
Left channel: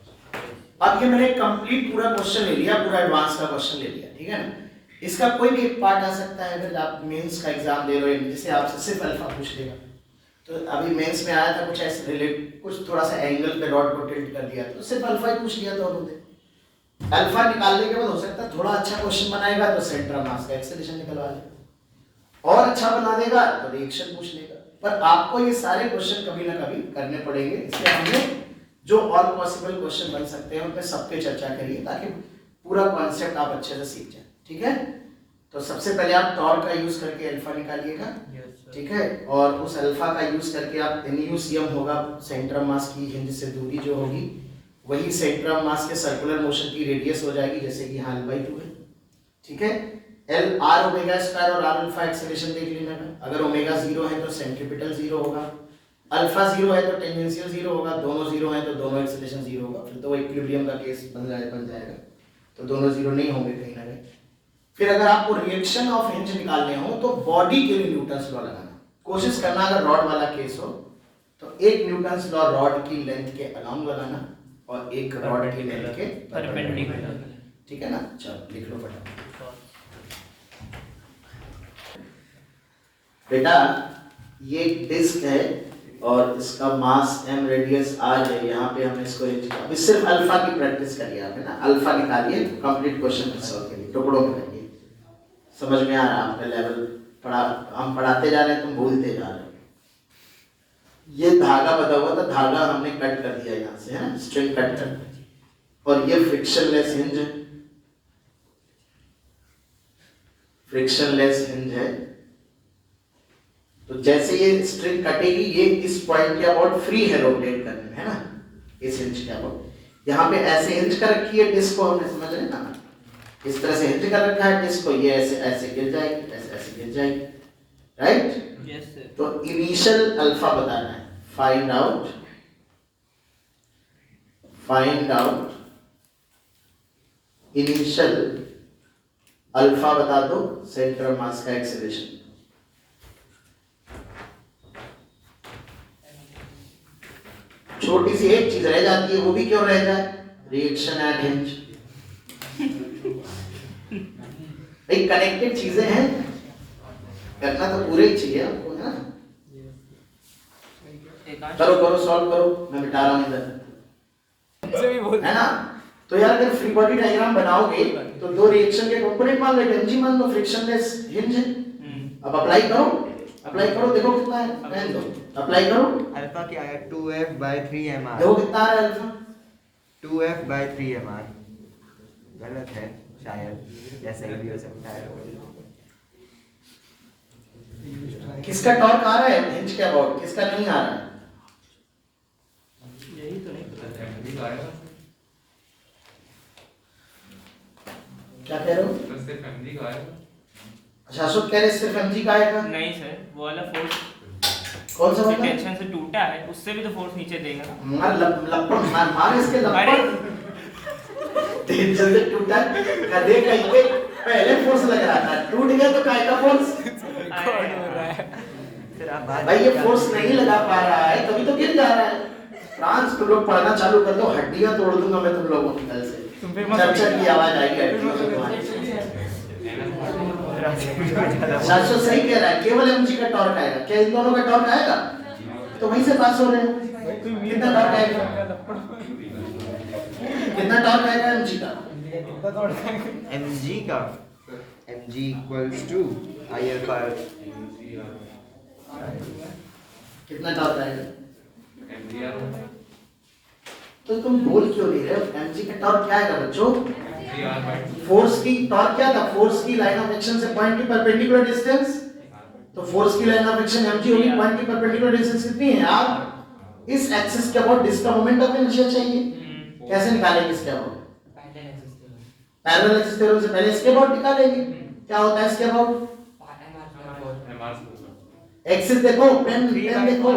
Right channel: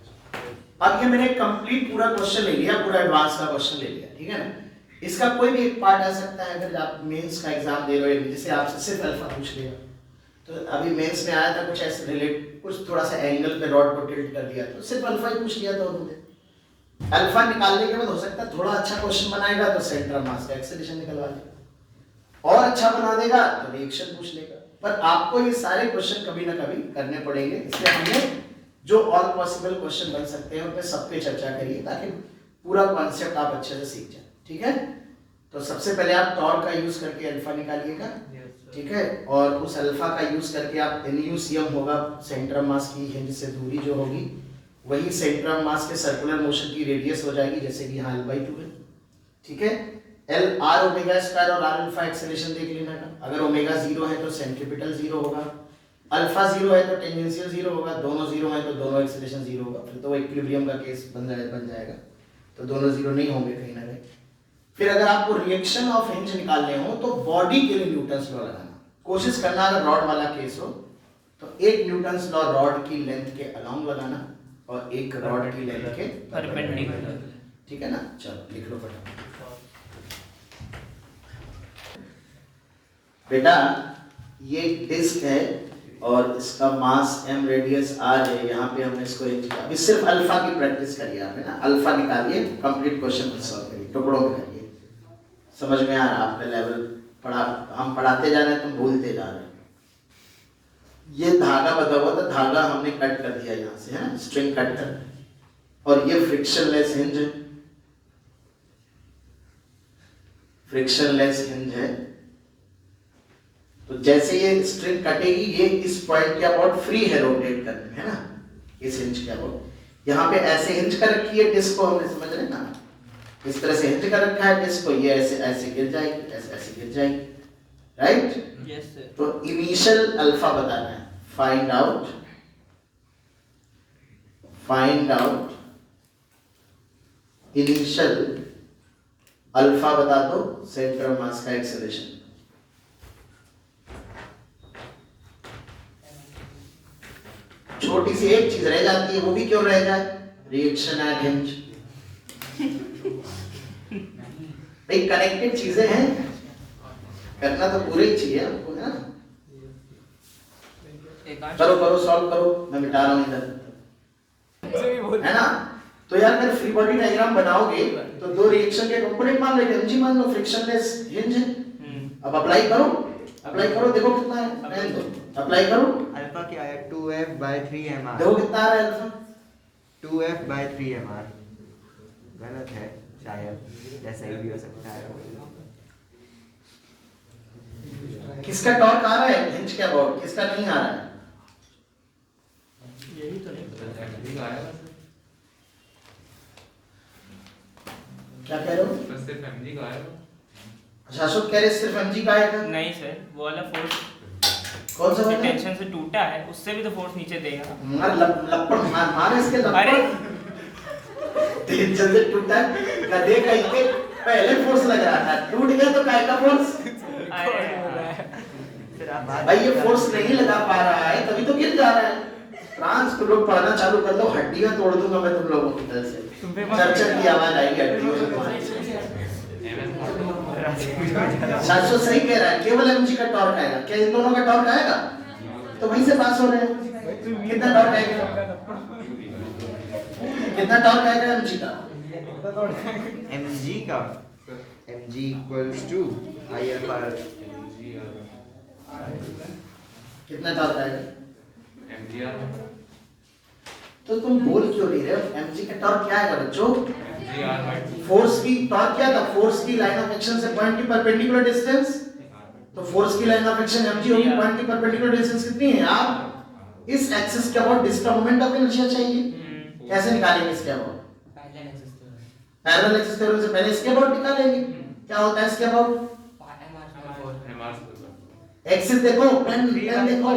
अब ये मैंने कंप्लीट पूरा क्वेश्चन ले लिया, पूरा एडवांस का क्वेश्चन ले लिया, ठीक है ना? इसका कोई भी एक पार्ट आ सकता है, अगर आप मेंस का एग्जाम दे रहे हो जिसे आपसे सिर्फ अल्फा पूछ लेगा। तो अभी मेंस में आया था कुछ ऐसे रिलेट, कुछ थोड़ा सा एंगल पे रॉड को टिल्ट कर दिया, तो सिर्फ अल्फा ही पूछ लिया था उन्होंने। अल्फा निकालने के बाद हो सकता है थोड़ा अच्छा क्वेश्चन बनाएगा तो सेंटर ऑफ मास का एक्सेलरेशन निकलवा लेगा, और अच्छा बना देगा तो रिएक्शन पूछ लेगा। पर आपको ये सारे क्वेश्चन कभी ना कभी करने पड़ेंगे, इसलिए हमने जो ऑल पॉसिबल क्वेश्चन बन सकते हैं उन पे सब पे चर्चा करिए, ताकि पूरा कॉन्सेप्ट आप अच्छे से सीख जाए, ठीक है? तो सबसे पहले आप टॉर्क का यूज करके अल्फा निकालिएगा, ठीक है? और उस अल्फा का यूज करके आप NuCm होगा सेंटर ऑफ मास की हिंज से दूरी जो होगी, वही सेंटर ऑफ मास के सर्कुलर मोशन की रेडियस हो जाएगी, जैसे कि यहाँ l/2 है, ठीक है? L R ओमेगा स्क्वायर और R अल्फा एक्सेलरेशन देख लेना। अगर ओमेगा 0 है तो सेंट्रीपिटल 0 होगा, अल्फा 0 है तो टेंजेंशियल 0 होगा, दोनों 0 है तो दोनों एक्सेलरेशन 0 होगा, फिर तो वो इक्विलिब्रियम का केस बन जाएगा, तो दोनों 0 नहीं होंगे कहीं ना कहीं। फिर अगर आपको रिएक्शन ऑफ हिंज निकालने हो तो बॉडी के लिए न्यूटन्स लॉ लगाना, कोशिश करना अगर रॉड वाला केस हो तो एक न्यूटन्स लॉ रॉड की लेंथ के अलोंग लगाना और एक रॉड की लेंथ के परपेंडिकुलर, ठीक है ना? चलो लिख लो फटाफट। बेटा ये डिस्क है और इसका मास m रेडियस r है, यहाँ पे हमने इसको अभी सिर्फ अल्फा की प्रैक्टिस करिए आप, है ना, अल्फा निकालिए, कंप्लीट क्वेश्चन सॉल्व करिए, टुकड़ों में करिए, समझ में आ रहा है आपने लेवल पढ़ा, हम पढ़ाते जा रहे हैं तुम भूलते जा रहे हो। ये धागा बता हुआ था, धागा हमने कट कर दिया यहाँ से, है ना, स्ट्रिंग कट कर दी, और ये फ्रिक्शनलेस हिंज है, फ्रिक्शनलेस हिंज है। तो जैसे ये स्ट्रिंग कटेगी, ये इस पॉइंट के अबाउट फ्री है रोटेट करने में, है ना, इस हिंज के अबाउट। यहाँ पे ऐसे हिंज कर रखी है डिस्क को, हमने समझ रहे ना, इस तरह से हिंज कर रखा है डिस्क को, ये ऐसे ऐसे गिर जाएगी, ऐसे ऐसे गिर जाएगी, राइट? Yes sir. तो इनिशियल अल्फा बताना है, फाइंड आउट इनिशियल अल्फा बता दो सेंटर मास का एक्सेलरेशन। छोटी सी एक चीज रह जाती है, वो भी क्यों रह जाए, रिएक्शन एट हिंज। भाई कनेक्टेड चीजें हैं, करना तो पूरे ही चाहिए आपको, है ना। करो करो सॉल्व करो, मैं मिटा रहा हूं इधर, है ना। तो यार अगर फ्री बॉडी डायग्राम बनाओगे तो दो रिएक्शन के कंपोनेंट मान लो, एमजी मान लो, फ्रिक्शनलेस हिंज है। अब अप्लाई करो, देखो कितना है, अप्लाई करो। अल्फा क्या है, 2f by 3mr। देखो कितना आ रहा है अल्फा, 2f by 3mr। गलत है शायद, जैसा ही भी हो सकता है। किसका टॉर्क आ रहा है हिंज के अबाउट, किसका नहीं आ रहा है, यही तो नहीं पता। क्या कह रहे हो? सिर्फ एमजी का है। अच्छा अशोक कह रहे सिर्फ एमजी का आएगा। नहीं सर, वो वाला फोर्स कौन सा वाला? टेंशन से टूटा है, उससे भी तो फोर्स नीचे देगा। मार लपड़ मार इसके लपड़। अरे टेंशन से टूटा, गधे कहीं पे पहले फोर्स लग रहा था, टूट गया तो काय का फोर्स। फिर आप बात भाई ये फोर्स नहीं लगा पा रहा है, तभी तो गिर जा रहा है। फ्रांस तुम लोग पढ़ना चालू कर दो, हड्डियां तोड़ दूंगा मैं तुम लोगों की कल से, चरचर की आवाज आएगी हड्डियों से तुम्हारी। शाश्वत सही कह रहा है, केवल एमजी का टॉर्क आएगा, क्या इन दोनों का टॉर्क आएगा? तो वहीं से पास हो रहे हैं। कितना टॉर्क आएगा, कितना टॉर्क आएगा एमजी का? mg का mg equals to I alpha। कितना टॉर्क आएगा? एमजीआर तो तुम बोल क्यों रहे हो? एमजी का टॉर्क क्या आएगा बच्चों? एमजीआर फोर्स की टॉर्क क्या था? फोर्स की लाइन ऑफ एक्शन से पॉइंट की परपेंडिकुलर डिस्टेंस। तो फोर्स की लाइन ऑफ एक्शन mg होगी, पॉइंट की परपेंडिकुलर डिस्टेंस कितनी है यार? इस एक्सिस के अबाउट डिस्क का मोमेंट ऑफ इनर्शिया चाहिए, कैसे निकालेंगे इसके अबाउट? पैरेलल एक्सिस थ्योरम से पहले इसके अबाउट निकालेंगे। क्या होता है इसके अबाउट? एक्सिस देखो, पेन देखो,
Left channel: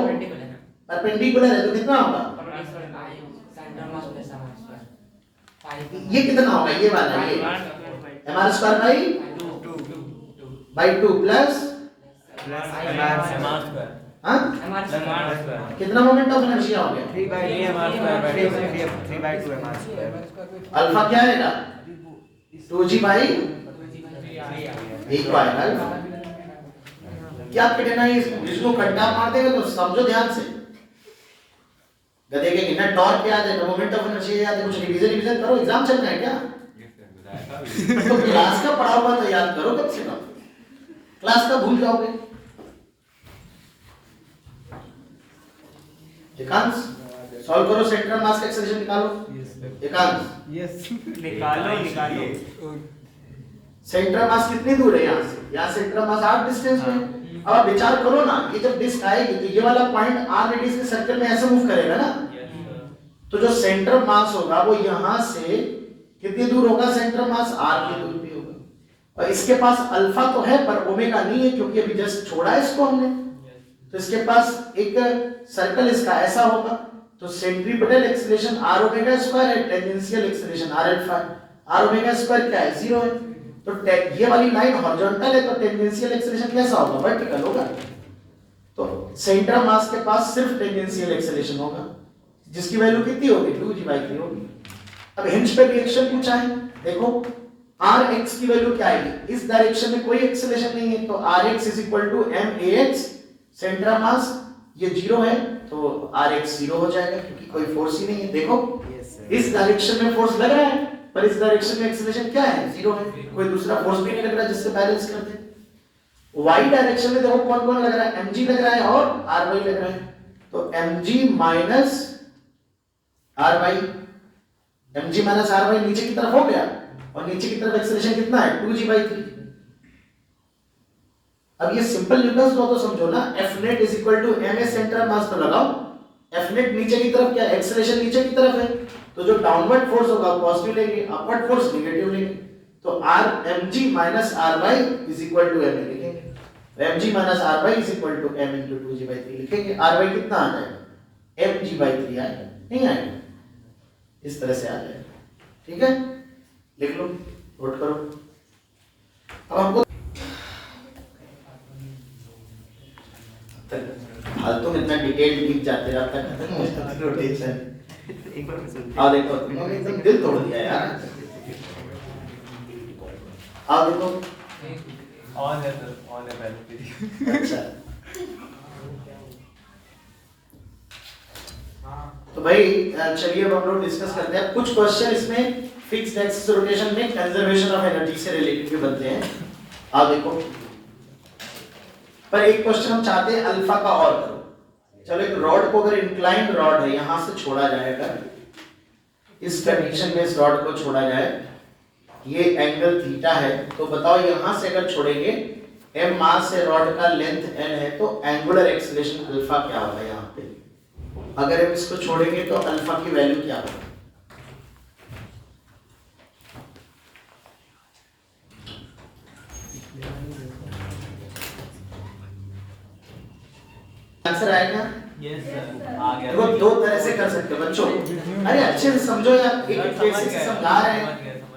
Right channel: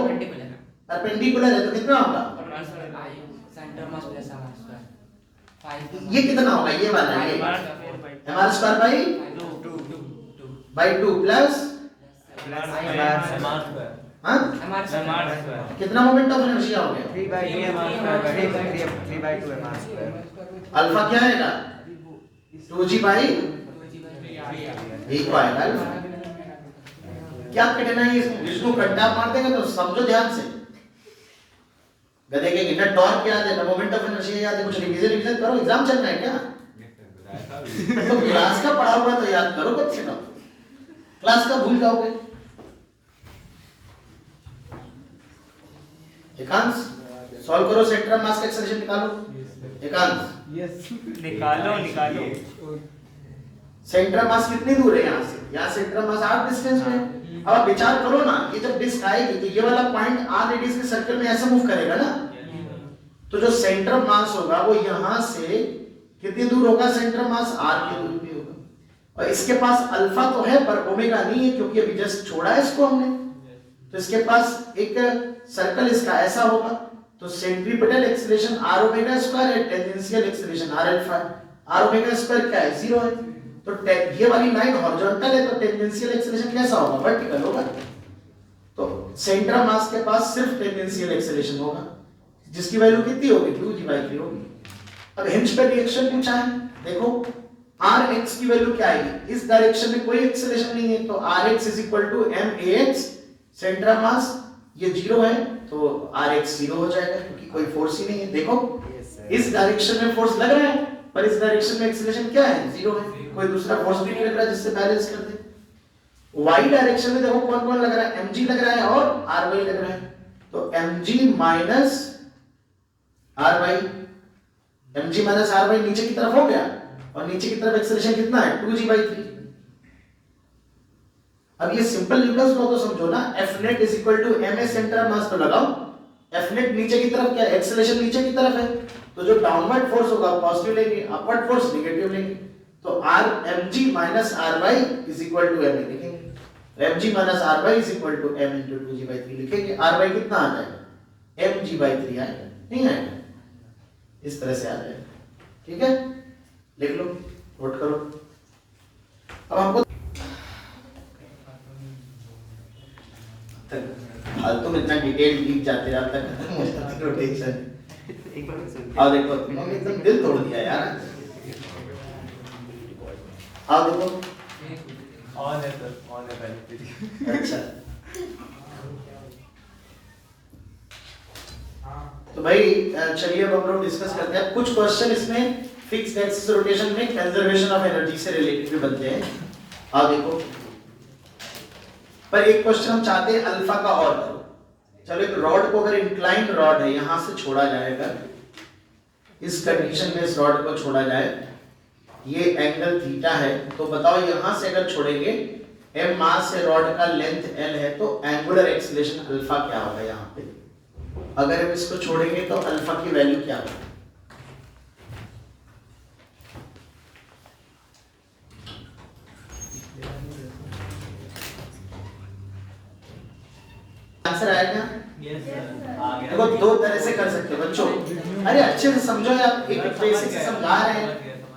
परपेंडिकुलर है तो कितना होगा? ये कितना होगा, ये वाला, ये mr स्क्वायर बाई 2 प्लस हाँ कितना मोमेंट ऑफ इनर्शिया हो गया? 3 by 2 mr square। अल्फा क्या आएगा? 2g बाई एक आएगा अल्फा। क्या पिटना है इसको कंटा मार देगा तो समझो ध्यान से। गधे के ना टॉर्क याद है, ना मोमेंट ऑफ इनर्शिया याद है, कुछ रिवीजन करो, एग्जाम चल रहा है क्या? तो क्लास का पढ़ा हुआ तो याद करो, कब से कब क्लास का भूल जाओगे। एकांश सॉल्व करो, सेंटर मास का एक्सेलरेशन निकालो। एकांश यस निकालो। सेंटर मास कितनी दूर है यहाँ से? यहाँ सेंटर मास r डिस्टेंस पे। अब आप विचार करो ना, ये जब डिस्क आएगी तो ये वाला पॉइंट r रेडियस के सर्कल में ऐसे मूव करेगा ना, तो जो सेंटर मास होगा वो यहाँ से कितनी दूर होगा? सेंटर मास r की दूर पे होगा। और इसके पास अल्फा तो है पर ओमेगा नहीं है, क्योंकि अभी जस्ट छोड़ा है इसको हमने। तो इसके पास एक सर्कल इसका ऐसा होगा, तो centripetal acceleration r omega square है, टेंजेंशियल एक्सीलरेशन r अल्फा है। r ओमेगा स्क्वायर क्या है? 0 है। तो ये वाली लाइन हॉरिजॉन्टल है, तो टेंजेंशियल एक्सीलरेशन कैसा होगा? वर्टिकल होगा। तो सेंटर मास के पास सिर्फ टेंजेंशियल एक्सीलरेशन होगा, जिसकी वैल्यू कितनी होगी? 2g/3 होगी। अब हिंज पे रिएक्शन पूछा है, देखो आर एक्स की वैल्यू क्या आएगी, इस डायरेक्शन में कोई एक्सेलरेशन नहीं है, तो r x is equal to m a x, centre of mass ये 0 है, तो आर एक्स 0 हो जाएगा क्योंकि कोई फोर्स ही नहीं है। देखो इस डायरेक्शन में फोर्स लग रहा है, पर इस डायरेक्शन में एक्सेलरेशन क्या है, 0 है, कोई दूसरा फोर्स भी नहीं लग रहा जिससे बैलेंस कर दे। y डायरेक्शन में देखो कौन कौन लग रहा है, mg लग रहा है और ry लग रहा है, तो mg minus ry, mg minus ry नीचे की तरफ हो गया, और नीचे की तरफ एक्सेलरेशन कितना है 2g/3। अब ये सिंपल न्यूटन्स लॉ तो समझो ना, F net is equal to ma centre mass पे लगाओ, F net नीचे की तरफ क्या है, एक्सेलरेशन नीचे की तरफ है, तो जो डाउनवर्ड फोर्स होगा पॉजिटिव लेंगे, अपवर्ड फोर्स नेगेटिव लेंगे, तो r mg minus ry is equal to ma लिखेंगे, mg minus ry is equal to m into 2g/3 लिखेंगे, ry कितना आ जाएगा mg/3 आएगा, नहीं आएगा, इस तरह से आ जाएगा। ठीक है, लिख लो, नोट करो। अब हमको फालतू में इतना डिटेल डीप जाते रहे, अब तक खत्म हो जाता रोटेशन। एक बार मैं सुन आओ देखो, तुमने एकदम दिल तोड़ दिया यार। आओ देखो, ऑन है सर, ऑन है पहले। अच्छा तो भाई चलिए अब हम लोग डिस्कस करते हैं कुछ क्वेश्चन इसमें फिक्स्ड एक्सिस रोटेशन में कंजर्वेशन ऑफ एनर्जी से रिलेटेड भी बनते हैं। आओ देखो, पर एक क्वेश्चन हम चाहते हैं अल्फा का और करो। चलो, एक रॉड को अगर इंक्लाइंड रॉड है यहां से छोड़ा जाएगा, इस कंडीशन में इस रॉड को छोड़ा जाए, ये एंगल थीटा है, तो बताओ यहां से अगर छोड़ेंगे, m मास है, रॉड का लेंथ n है, तो एंगुलर एक्सीलरेशन अल्फा क्या होगा यहाँ पे, अगर हम इसको छोड़ेंगे तो अल्फा की वैल्यू क्या होगी। आंसर आएगा? यस सर, आ गया। देखो दो तरह से कर सकते हो बच्चों, अरे अच्छे से समझो यार, एक बेसिक से समझा रहे हैं,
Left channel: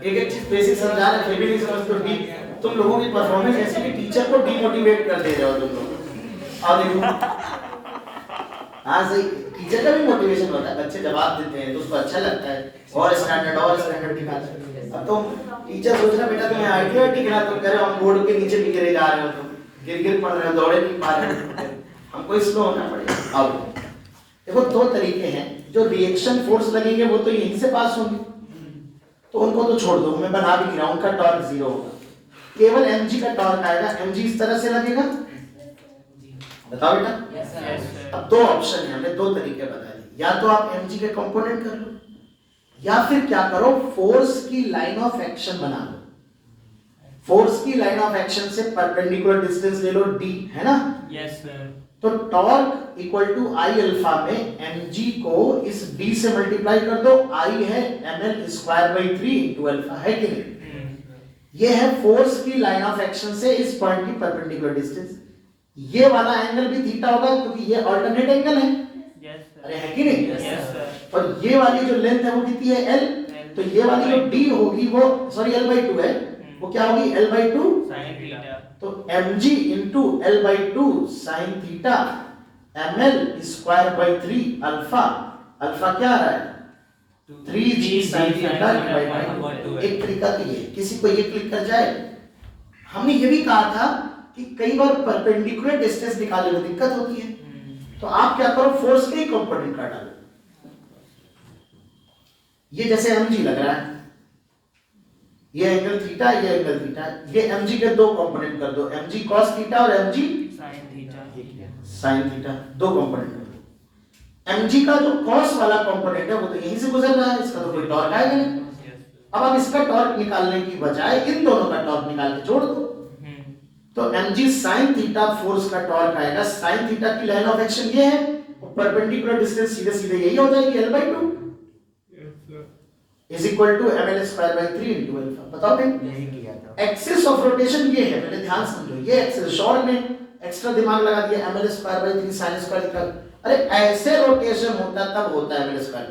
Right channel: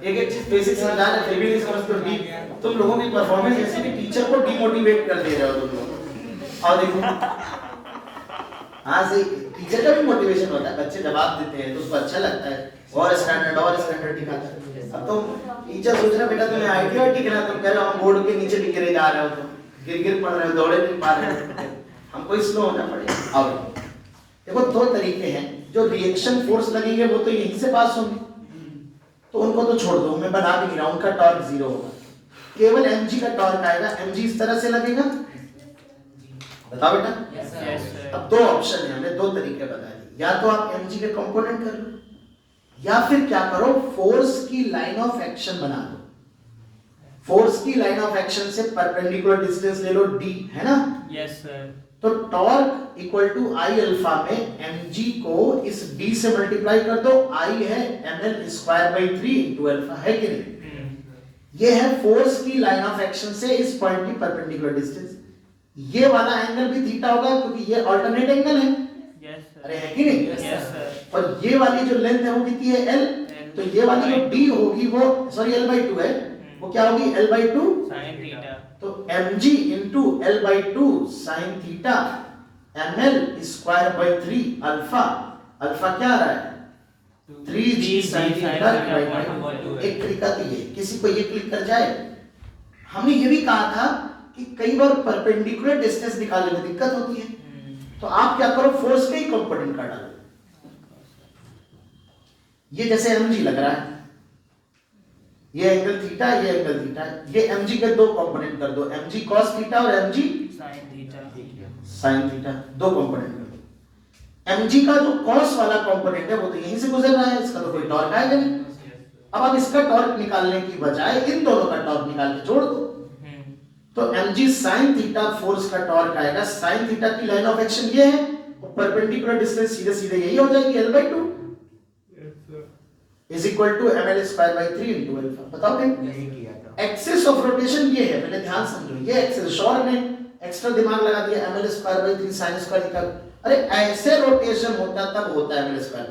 एक चीज बेसिक समझा रहे हैं, फिर भी नहीं समझ तो ठीक। तुम लोगों की परफॉर्मेंस ऐसी कि टीचर को डिमोटिवेट कर दे रहे हो तुम लोग। और देखो, हाँ सही, टीचर का भी मोटिवेशन होता है, बच्चे जवाब देते हैं तो उसको अच्छा लगता है, और स्टैंडर्ड दिखाता है। अब तो टीचर सोच रहा बेटा तुम्हें आइडिया ठीक है, तुम कह रहे हो हम बोर्ड के नीचे गिरे जा रहे हो, तुम गिर पड़ रहे हो, दौड़े नहीं पा रहे हो, हमको स्लो होना पड़ेगा। अब देखो दो तरीके हैं, जो रिएक्शन फोर्स लगेंगे वो तो यहीं से पास होंगे, तो उनको तो छोड़ दो, मैं बना भी नहीं रहा, उनका टॉर्क 0 होगा, केवल mg का टॉर्क आएगा। mg इस तरह से लगेगा, बताओ बेटा। Yes sir. अब दो ऑप्शन है, हमने दो तरीके बता दिए, या तो आप mg के कंपोनेंट कर लो, या फिर क्या करो, फोर्स की लाइन ऑफ एक्शन बना लो। फोर्स की लाइन ऑफ एक्शन से परपेंडिकुलर डिस्टेंस ले लो d, है ना। Yes sir. तो torque equal to I alpha में mg को इस b से मल्टीप्लाई कर दो, I है ml²/3 इनटू अल्फा, है कि नहीं। ये है फोर्स की लाइन ऑफ एक्शन से इस पॉइंट की परपेंडिकुलर डिस्टेंस। ये वाला एंगल भी थीटा होगा क्योंकि ये अल्टरनेट एंगल है, यस सर। अरे है कि नहीं। Yes sir. और ये वाली जो लेंथ है वो कितनी है l, तो ये वाली जो d होगी वो सॉरी l/2 है, वो क्या होगी l/2 sin थीटा। तो mg into l/2 sin theta ml²/3 alpha, alpha क्या आ रहा है 3g sin थीटा। एक तरीका तो ये, किसी को ये क्लिक कर जाए। हमने ये भी कहा था कि कई बार परपेंडिकुलर डिस्टेंस निकालने में दिक्कत होती है, तो आप क्या करो, फोर्स के ही कंपोनेंट का डालो। ये जैसे mg लग रहा है, ये एंगल थीटा, ये एंगल थीटा, ये mg के दो कंपोनेंट कर दो, mg cos थीटा और mg sin theta. sin theta, दो कंपोनेंट कर दो। mg का जो cos वाला कंपोनेंट है वो तो यहीं से गुजर रहा है, इसका तो कोई टॉर्क आएगा नहीं। अब आप इसका टॉर्क निकालने की बजाय इन दोनों का टॉर्क निकाल के जोड़ दो, तो mg sin थीटा फोर्स का टॉर्क आएगा, sin थीटा की लाइन ऑफ एक्शन ये है, और परपेंडिकुलर डिस्टेंस सीधे सीधे यही हो जाएगी l/2 is equal to ml²/3 into alpha. बताओ फिर, यही किया था। एक्सिस ऑफ रोटेशन ये है, पहले ध्यान समझो, ये एक्सिस, शॉर्ट में एक्स्ट्रा दिमाग लगा दिया, ml²/3 sin² लिखा। अरे ऐसे रोटेशन होता तब होता है ml²,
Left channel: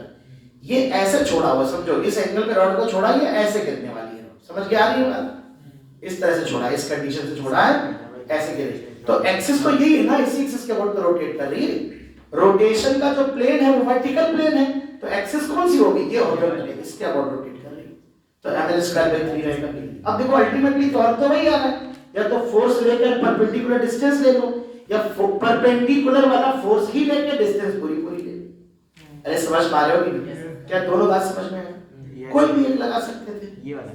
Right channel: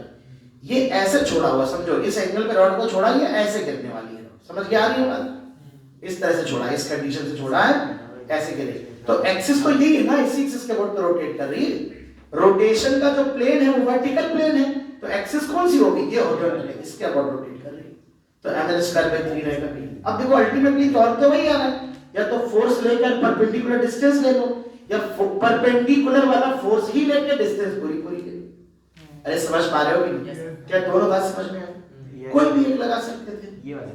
ये ऐसे छोड़ा हुआ, समझो इस एंगल पे रॉड को छोड़ा, ये ऐसे गिरने वाली है, समझ के आ रही है बात, इस तरह से छोड़ा है, इस कंडीशन से छोड़ा है, ऐसे गिरे, तो एक्सिस तो यही है ना, इसी एक्सिस के अबाउट पे रोटेट कर रही है। रोटेशन का जो प्लेन है वो वर्टिकल प्लेन है, तो एक्सिस कौन सी होगी, ये हॉरिजॉन्टल है, इसके अबाउट रोटेट कर रही है। तो ml स्क्वायर बाई 3 रहेगा। अब देखो अल्टीमेटली तौर तो वही आ रहा है, या तो फोर्स लेकर परपेंडिकुलर डिस्टेंस ले लो, या परपेंडिकुलर वाला फोर्स ही लेके डिस्टेंस पूरी पूरी ले लो। अरे समझ पा रहे हो कि नहीं? क्या दोनों बात समझ में है? कोई भी एक लगा सकते थे, ये वाला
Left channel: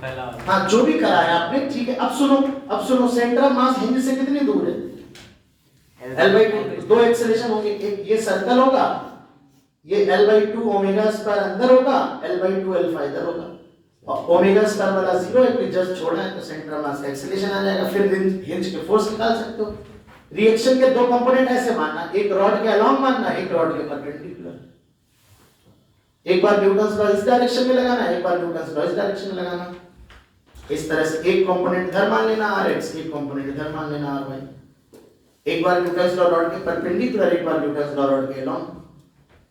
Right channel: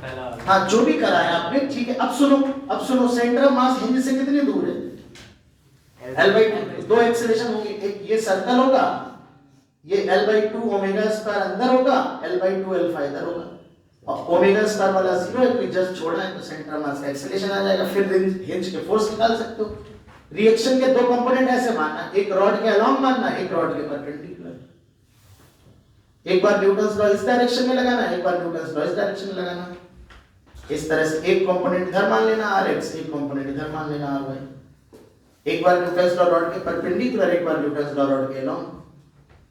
पहला हाँ जो भी करा है आपने ठीक है। अब सुनो सेंटर ऑफ मास हिंज से कितनी दूर है? L/2। दो एक्सेलेरेशन होंगे, एक ये सर्कल होगा, ये L/2 ओमेगा स्क्वायर अंदर होगा, L/2 अल्फा इधर होगा, और ओमेगा स्क्वायर वाला 0 है, कोई जस्ट छोड़ा है तो सेंटर ऑफ मास का एक्सेलेरेशन आ जाएगा। फिर हिंज के फोर्स निकाल सकते हो। रिएक्शन के दो कंपोनेंट ऐसे मानना, एक रॉड के अलोंग मानना, एक रॉड के परपेंडिकुलर। एक बार न्यूटन्स लॉ इस डायरेक्शन में लगाना, एक बार न्यूटन्स लॉ इस डायरेक्शन में लगाना। इस तरह से एक कंपोनेंट इधर मान लेना Rx, एक कंपोनेंट इधर मान लेना Ry। एक बार न्यूटन्स लॉ रॉड के परपेंडिकुलर, एक बार न्यूटन्स लॉ रॉड के अलोंग,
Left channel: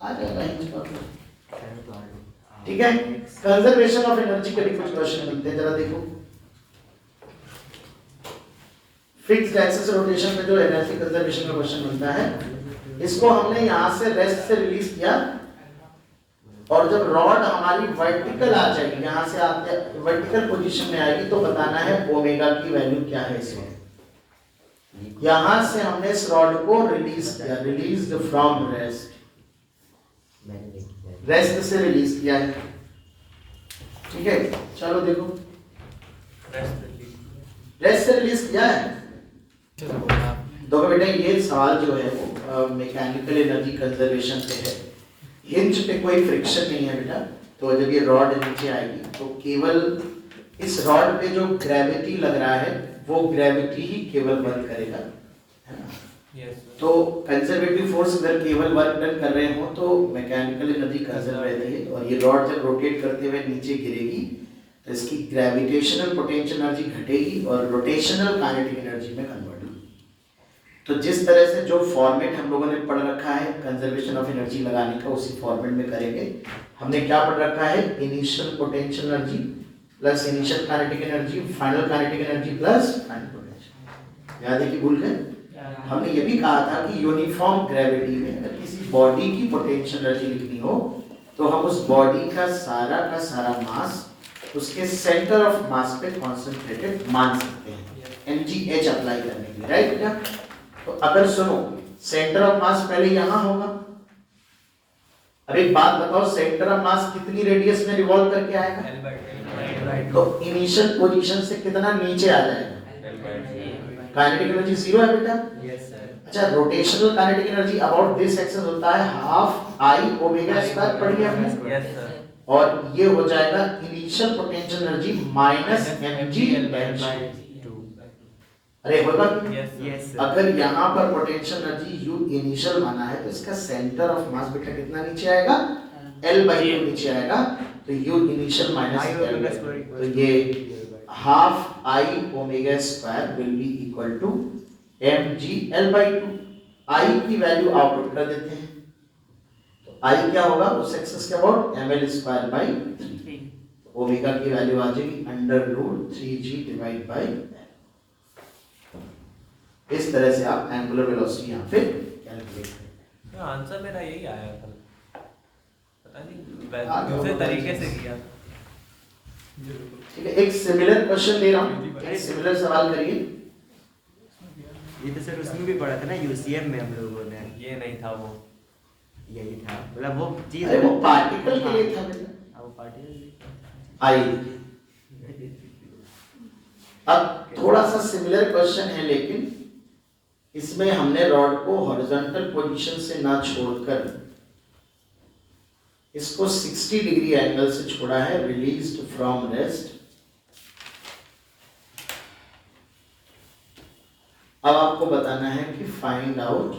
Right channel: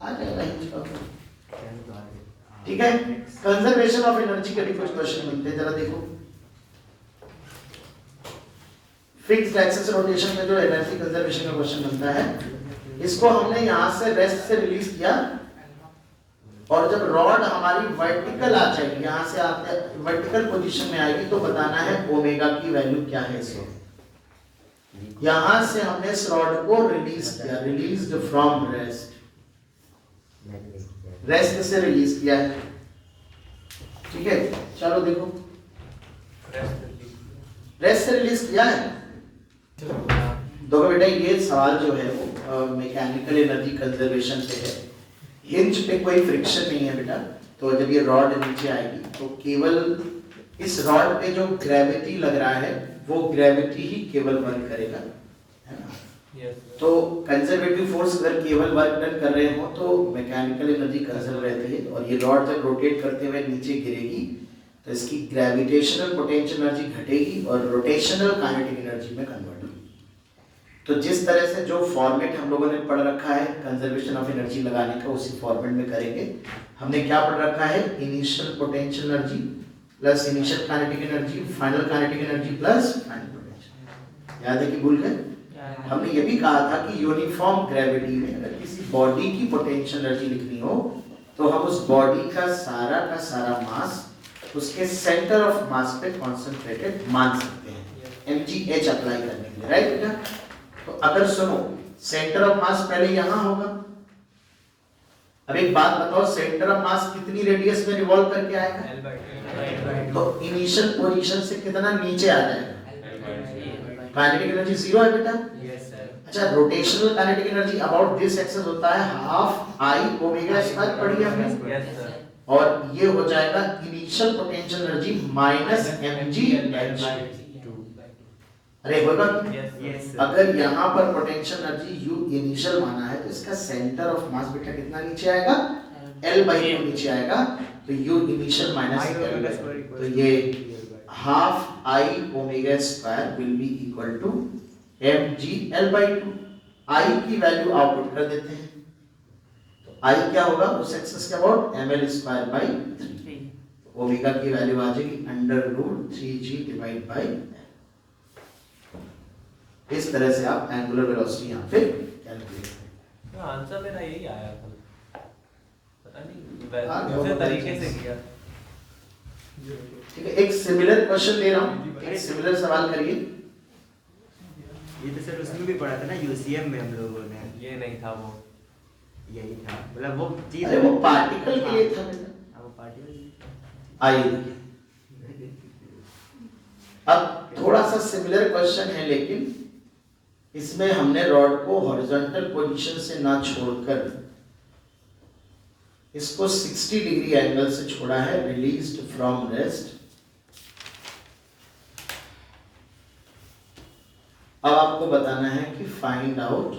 आ जाएगा हिंज का। ठीक है, कंजर्वेशन ऑफ एनर्जी के भी कुछ क्वेश्चन बनते हैं, जरा देखो। फिक्स्ड एक्सिस रोटेशन में जो एनर्जी कंजर्वेशन का क्वेश्चन बनता है, इसको हमने यहां से रेस्ट से रिलीज किया, और जब रॉड हमारी वर्टिकल आ जाएगी, यहां से आते वर्टिकल पोजीशन में आएगी, तो बताना है ओमेगा की वैल्यू क्या है इस वक्त। यहां से हमने इस रॉड को रिलीज किया, रिलीज्ड फ्रॉम रेस्ट, रेस्ट से रिलीज किया है। ठीक है, चलो देखो, रेस्ट से रिलीज किया है। देखो बेटा, ये सवाल जो है वो मैकेनिकल एनर्जी कंजर्वेशन पे है। हिंज पे कोई फ्रिक्शन नहीं है बेटा, तो जब ये रॉड नीचे आएगी तो केवल इस रॉड पे जो ग्रेविटी लग रहा है वो ग्रेविटी ही केवल वर्क करेगा, है ना? तो कंजर्वेटिव फोर्स अगर केवल वर्क डन कर रहे हो तो मैकेनिकल एनर्जी कंजर्व रहती है, और ये रॉड जब रोटेट करते हुए नीचे गिरेगी तो इसकी ग्रेविटेशनल पोटेंशियल एनर्जी घटेगी और रोटेशनल काइनेटिक एनर्जी में कन्वर्ट होगी। तो जिस तरह से जो फॉर्मेट हम लोगों ने पढ़ रखा है कंजर्वेशन ऑफ एनर्जी लगाने का, उसी फॉर्मेट में करेंगे। हमने क्या पढ़ रखा है? Initial potential energy plus initial kinetic energy, final kinetic energy plus final potential. याद है कि भूल गए? हमने ये भी कहा था कि यूनिफॉर्म ग्रेविटी में अगर किसी बॉडी की पोटेंशियल एनर्जी लिखनी हो तो हम उस बॉडी का सारा मास उसके सेंटर ऑफ मास पे कॉन्सेंट्रेटेड मान सकते हैं, mgh अप्लाई करने के लिए, राइट बेटा? तो अगर सुनो, सेंटर ऑफ मास पहले यहां होगा। अब एक बात बताओ, सेंटर ऑफ मास कितनी रेडियस में रिवॉल्व करके आएगा? तो इनिशियल पोजीशन से कितना नीचे आ जाएगा? काइनेटिक एनर्जी 0 है बेटा। Yes sir. अच्छा, rotational kinetic energy about this axis होता है हाफ आई ओमेगा स्क्वायर, पढ़ी है हमने। Yes sir. और ये हो जाएगा initial potential energy minus mgh। अरे होगा? Yes sir. अगर यहाँ पर पोटेंशियल एनर्जी u इनिशियल माना है तो इसका सेंटर ऑफ मास बेटा कितना नीचे आएगा? L/2 नीचे आएगा, तो u इनिशियल माइनस L/2, तो ये half I omega square will be equal to mg L/2। I की वैल्यू आउटपुट कर देते हैं, तो I क्या होगा उस एक्सिस के about ml square by 3। Omega की वैल्यू आ जाएगी √3g डिवाइड बाई। इस तरह से आप एंगुलर वेलोसिटी यहां पे कैलकुलेट करेंगे। आंसर मेरा यही आया था, पता हाँ, नहीं दूसरे तरीके से किया। ठीक है, एक सिमिलर क्वेश्चन दे रहा हूं, एक सिमिलर सवाल करिए। ये तो सर उसमें भी पढ़ा था ना, यूसीएम में हम लोगों ने। ये नहीं था वो, यही था, मतलब वो चीज। अरे वो पार्टिकल के लिए था बेटा। वो पार्टिकल आइए, अब थोड़ा सा सिमिलर क्वेश्चन है, लेकिन इसमें हमने रॉड को हॉरिजॉन्टल पोजीशन से ना छोड़कर इसको 60 डिग्री एंगल से छोड़ा है, रिलीज्ड फ्रॉम रेस्ट। अब आपको बताना है कि find out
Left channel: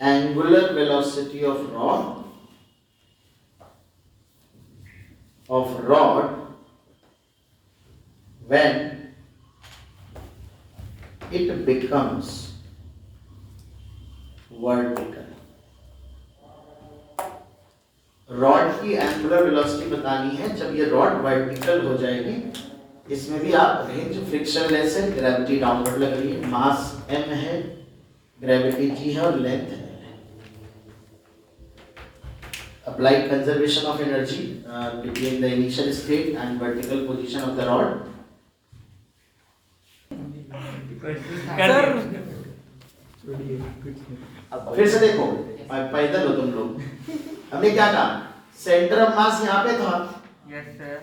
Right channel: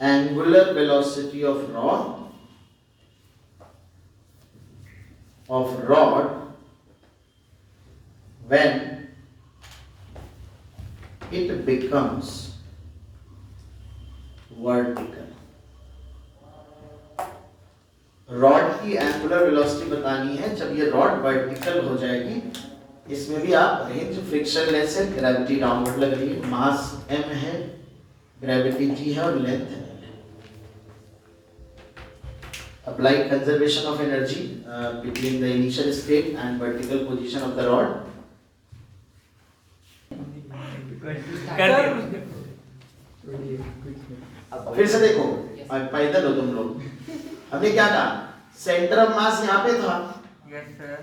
angular velocity of rod when it becomes vertical। Rod की एंगुलर वेलोसिटी बतानी है जब ये रॉड वर्टिकल हो जाएगी। इसमें भी आप रेंज फ्रिक्शन लेस है, ग्रेविटी डाउनवर्ड लग रही है, मास m है, ग्रेविटी g है और लेंथ है। अब apply conservation of energy between the initial state and vertical position of the rod. फिर से देखो, पैदल हो तुम लोग। हमने क्या कहा, सेंटर ऑफ मास यहाँ पे था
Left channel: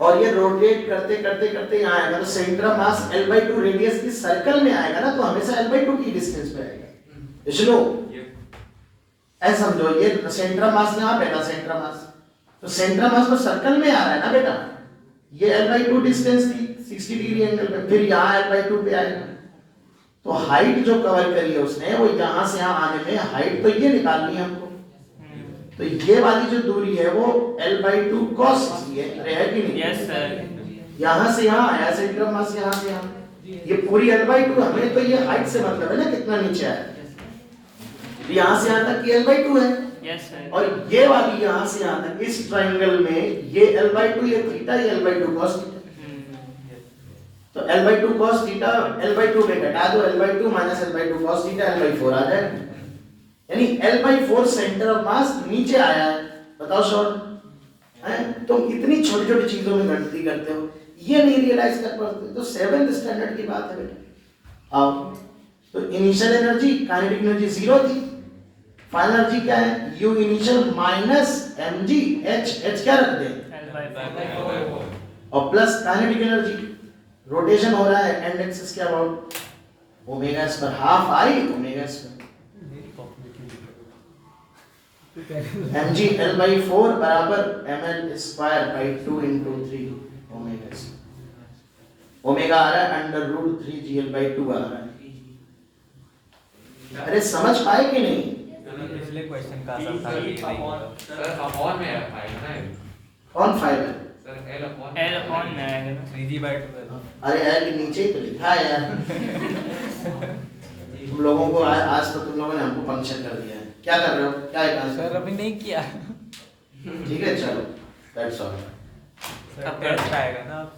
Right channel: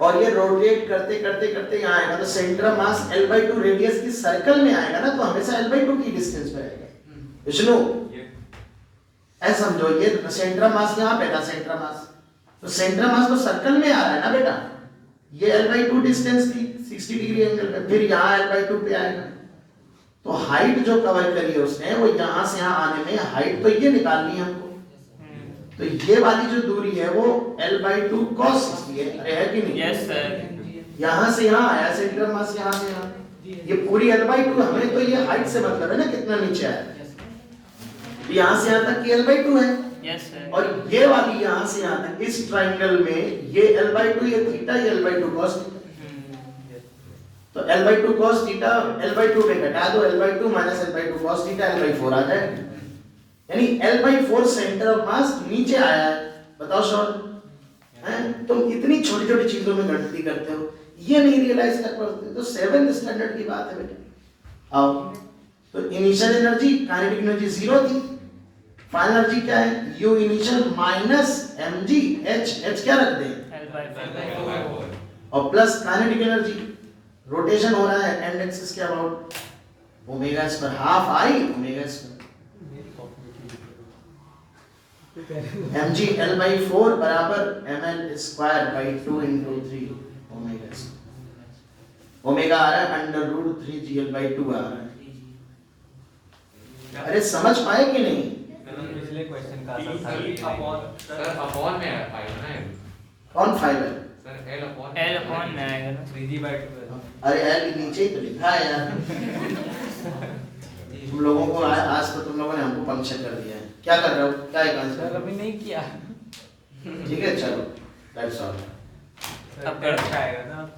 और ये रोटेट करते करते करते यहाँ आएगा, तो centre of mass L/2 radius की सर्कल में आएगा ना, तो हमेशा L/2 की डिस्टेंस पे आएगा। विष्णु ऐसा समझो, ये सेंटर ऑफ मास यहाँ पे था, सेंटर ऑफ मास, तो सेंटर ऑफ मास तो सर्कल में आ रहा है ना बेटा, ये L/2 डिस्टेंस थी 60 डिग्री एंगल पे, फिर यहाँ L/2 पे आएगा, तो हाइट जो कवर करी है उसने, वो यहाँ से यहाँ आने में हाइट तो ये निकालनी है हमको, तो ये वाली जो दूरी है वो L/2 cos 60 है, अरे है कि नहीं? Yes sir. यहाँ से यहाँ आया सेंटर ऑफ मास, यहाँ से यहाँ, ये पूरी L/2 हमें तो ये हाइट से मतलब है ना कितना नीचे आया, यहाँ से यहाँ तक की L/2 है। Yes sir. और ये वाली यहाँ से यहाँ तक इस ट्रायंगल में ये L/2, ये थीटा, ये L/2 cos थीटा, तो L/2 cos थीटा L/2 में घटा दो, L/2 minus L/2 cos theta L/4 आ जाएगा, यानी L/4 सेंटर ऑफ मास नीचे आया है। बताओ शॉर्ट हैं, तुम इतनी छोटी छोटी चीजों में गणित करते हो, ये नहीं रियलाइज कर पाते, तो 7th स्टैंडर्ड की बात है बेटा। आओ, तो इनिशियल एनर्जी काइनेटिक एनर्जी 0 थी, फाइनल एनर्जी क्या है, U initial minus mg, h क्या रख दें, और प्लस काइनेटिक एनर्जी, रोटेशन हो रहा है एंड एक्सिस के about, omega square half I omega square, mg L/4 बराबर ml square by 2 into 3 omega square, omega आ रहा है √3 gl/2 आ रहा है। अरे समझ पाए कि नहीं? पिछले क्वेश्चन का आंसर था ये सर अपॉन में आएगा ना, कौन फाइबर? सर L अपॉन में आएगा ना, 3D/2। अरे L नीचे ही तो लिखा है यार। तुम लोगों को आज तो तुम लोगों ने हमको पंक्चर कर दिया है। क्या कर रहे हो, क्या है आंसर? अभी नहीं किया। ठीक है चलो, दैट्स ऑल। अब टेस्ट आएगा ना।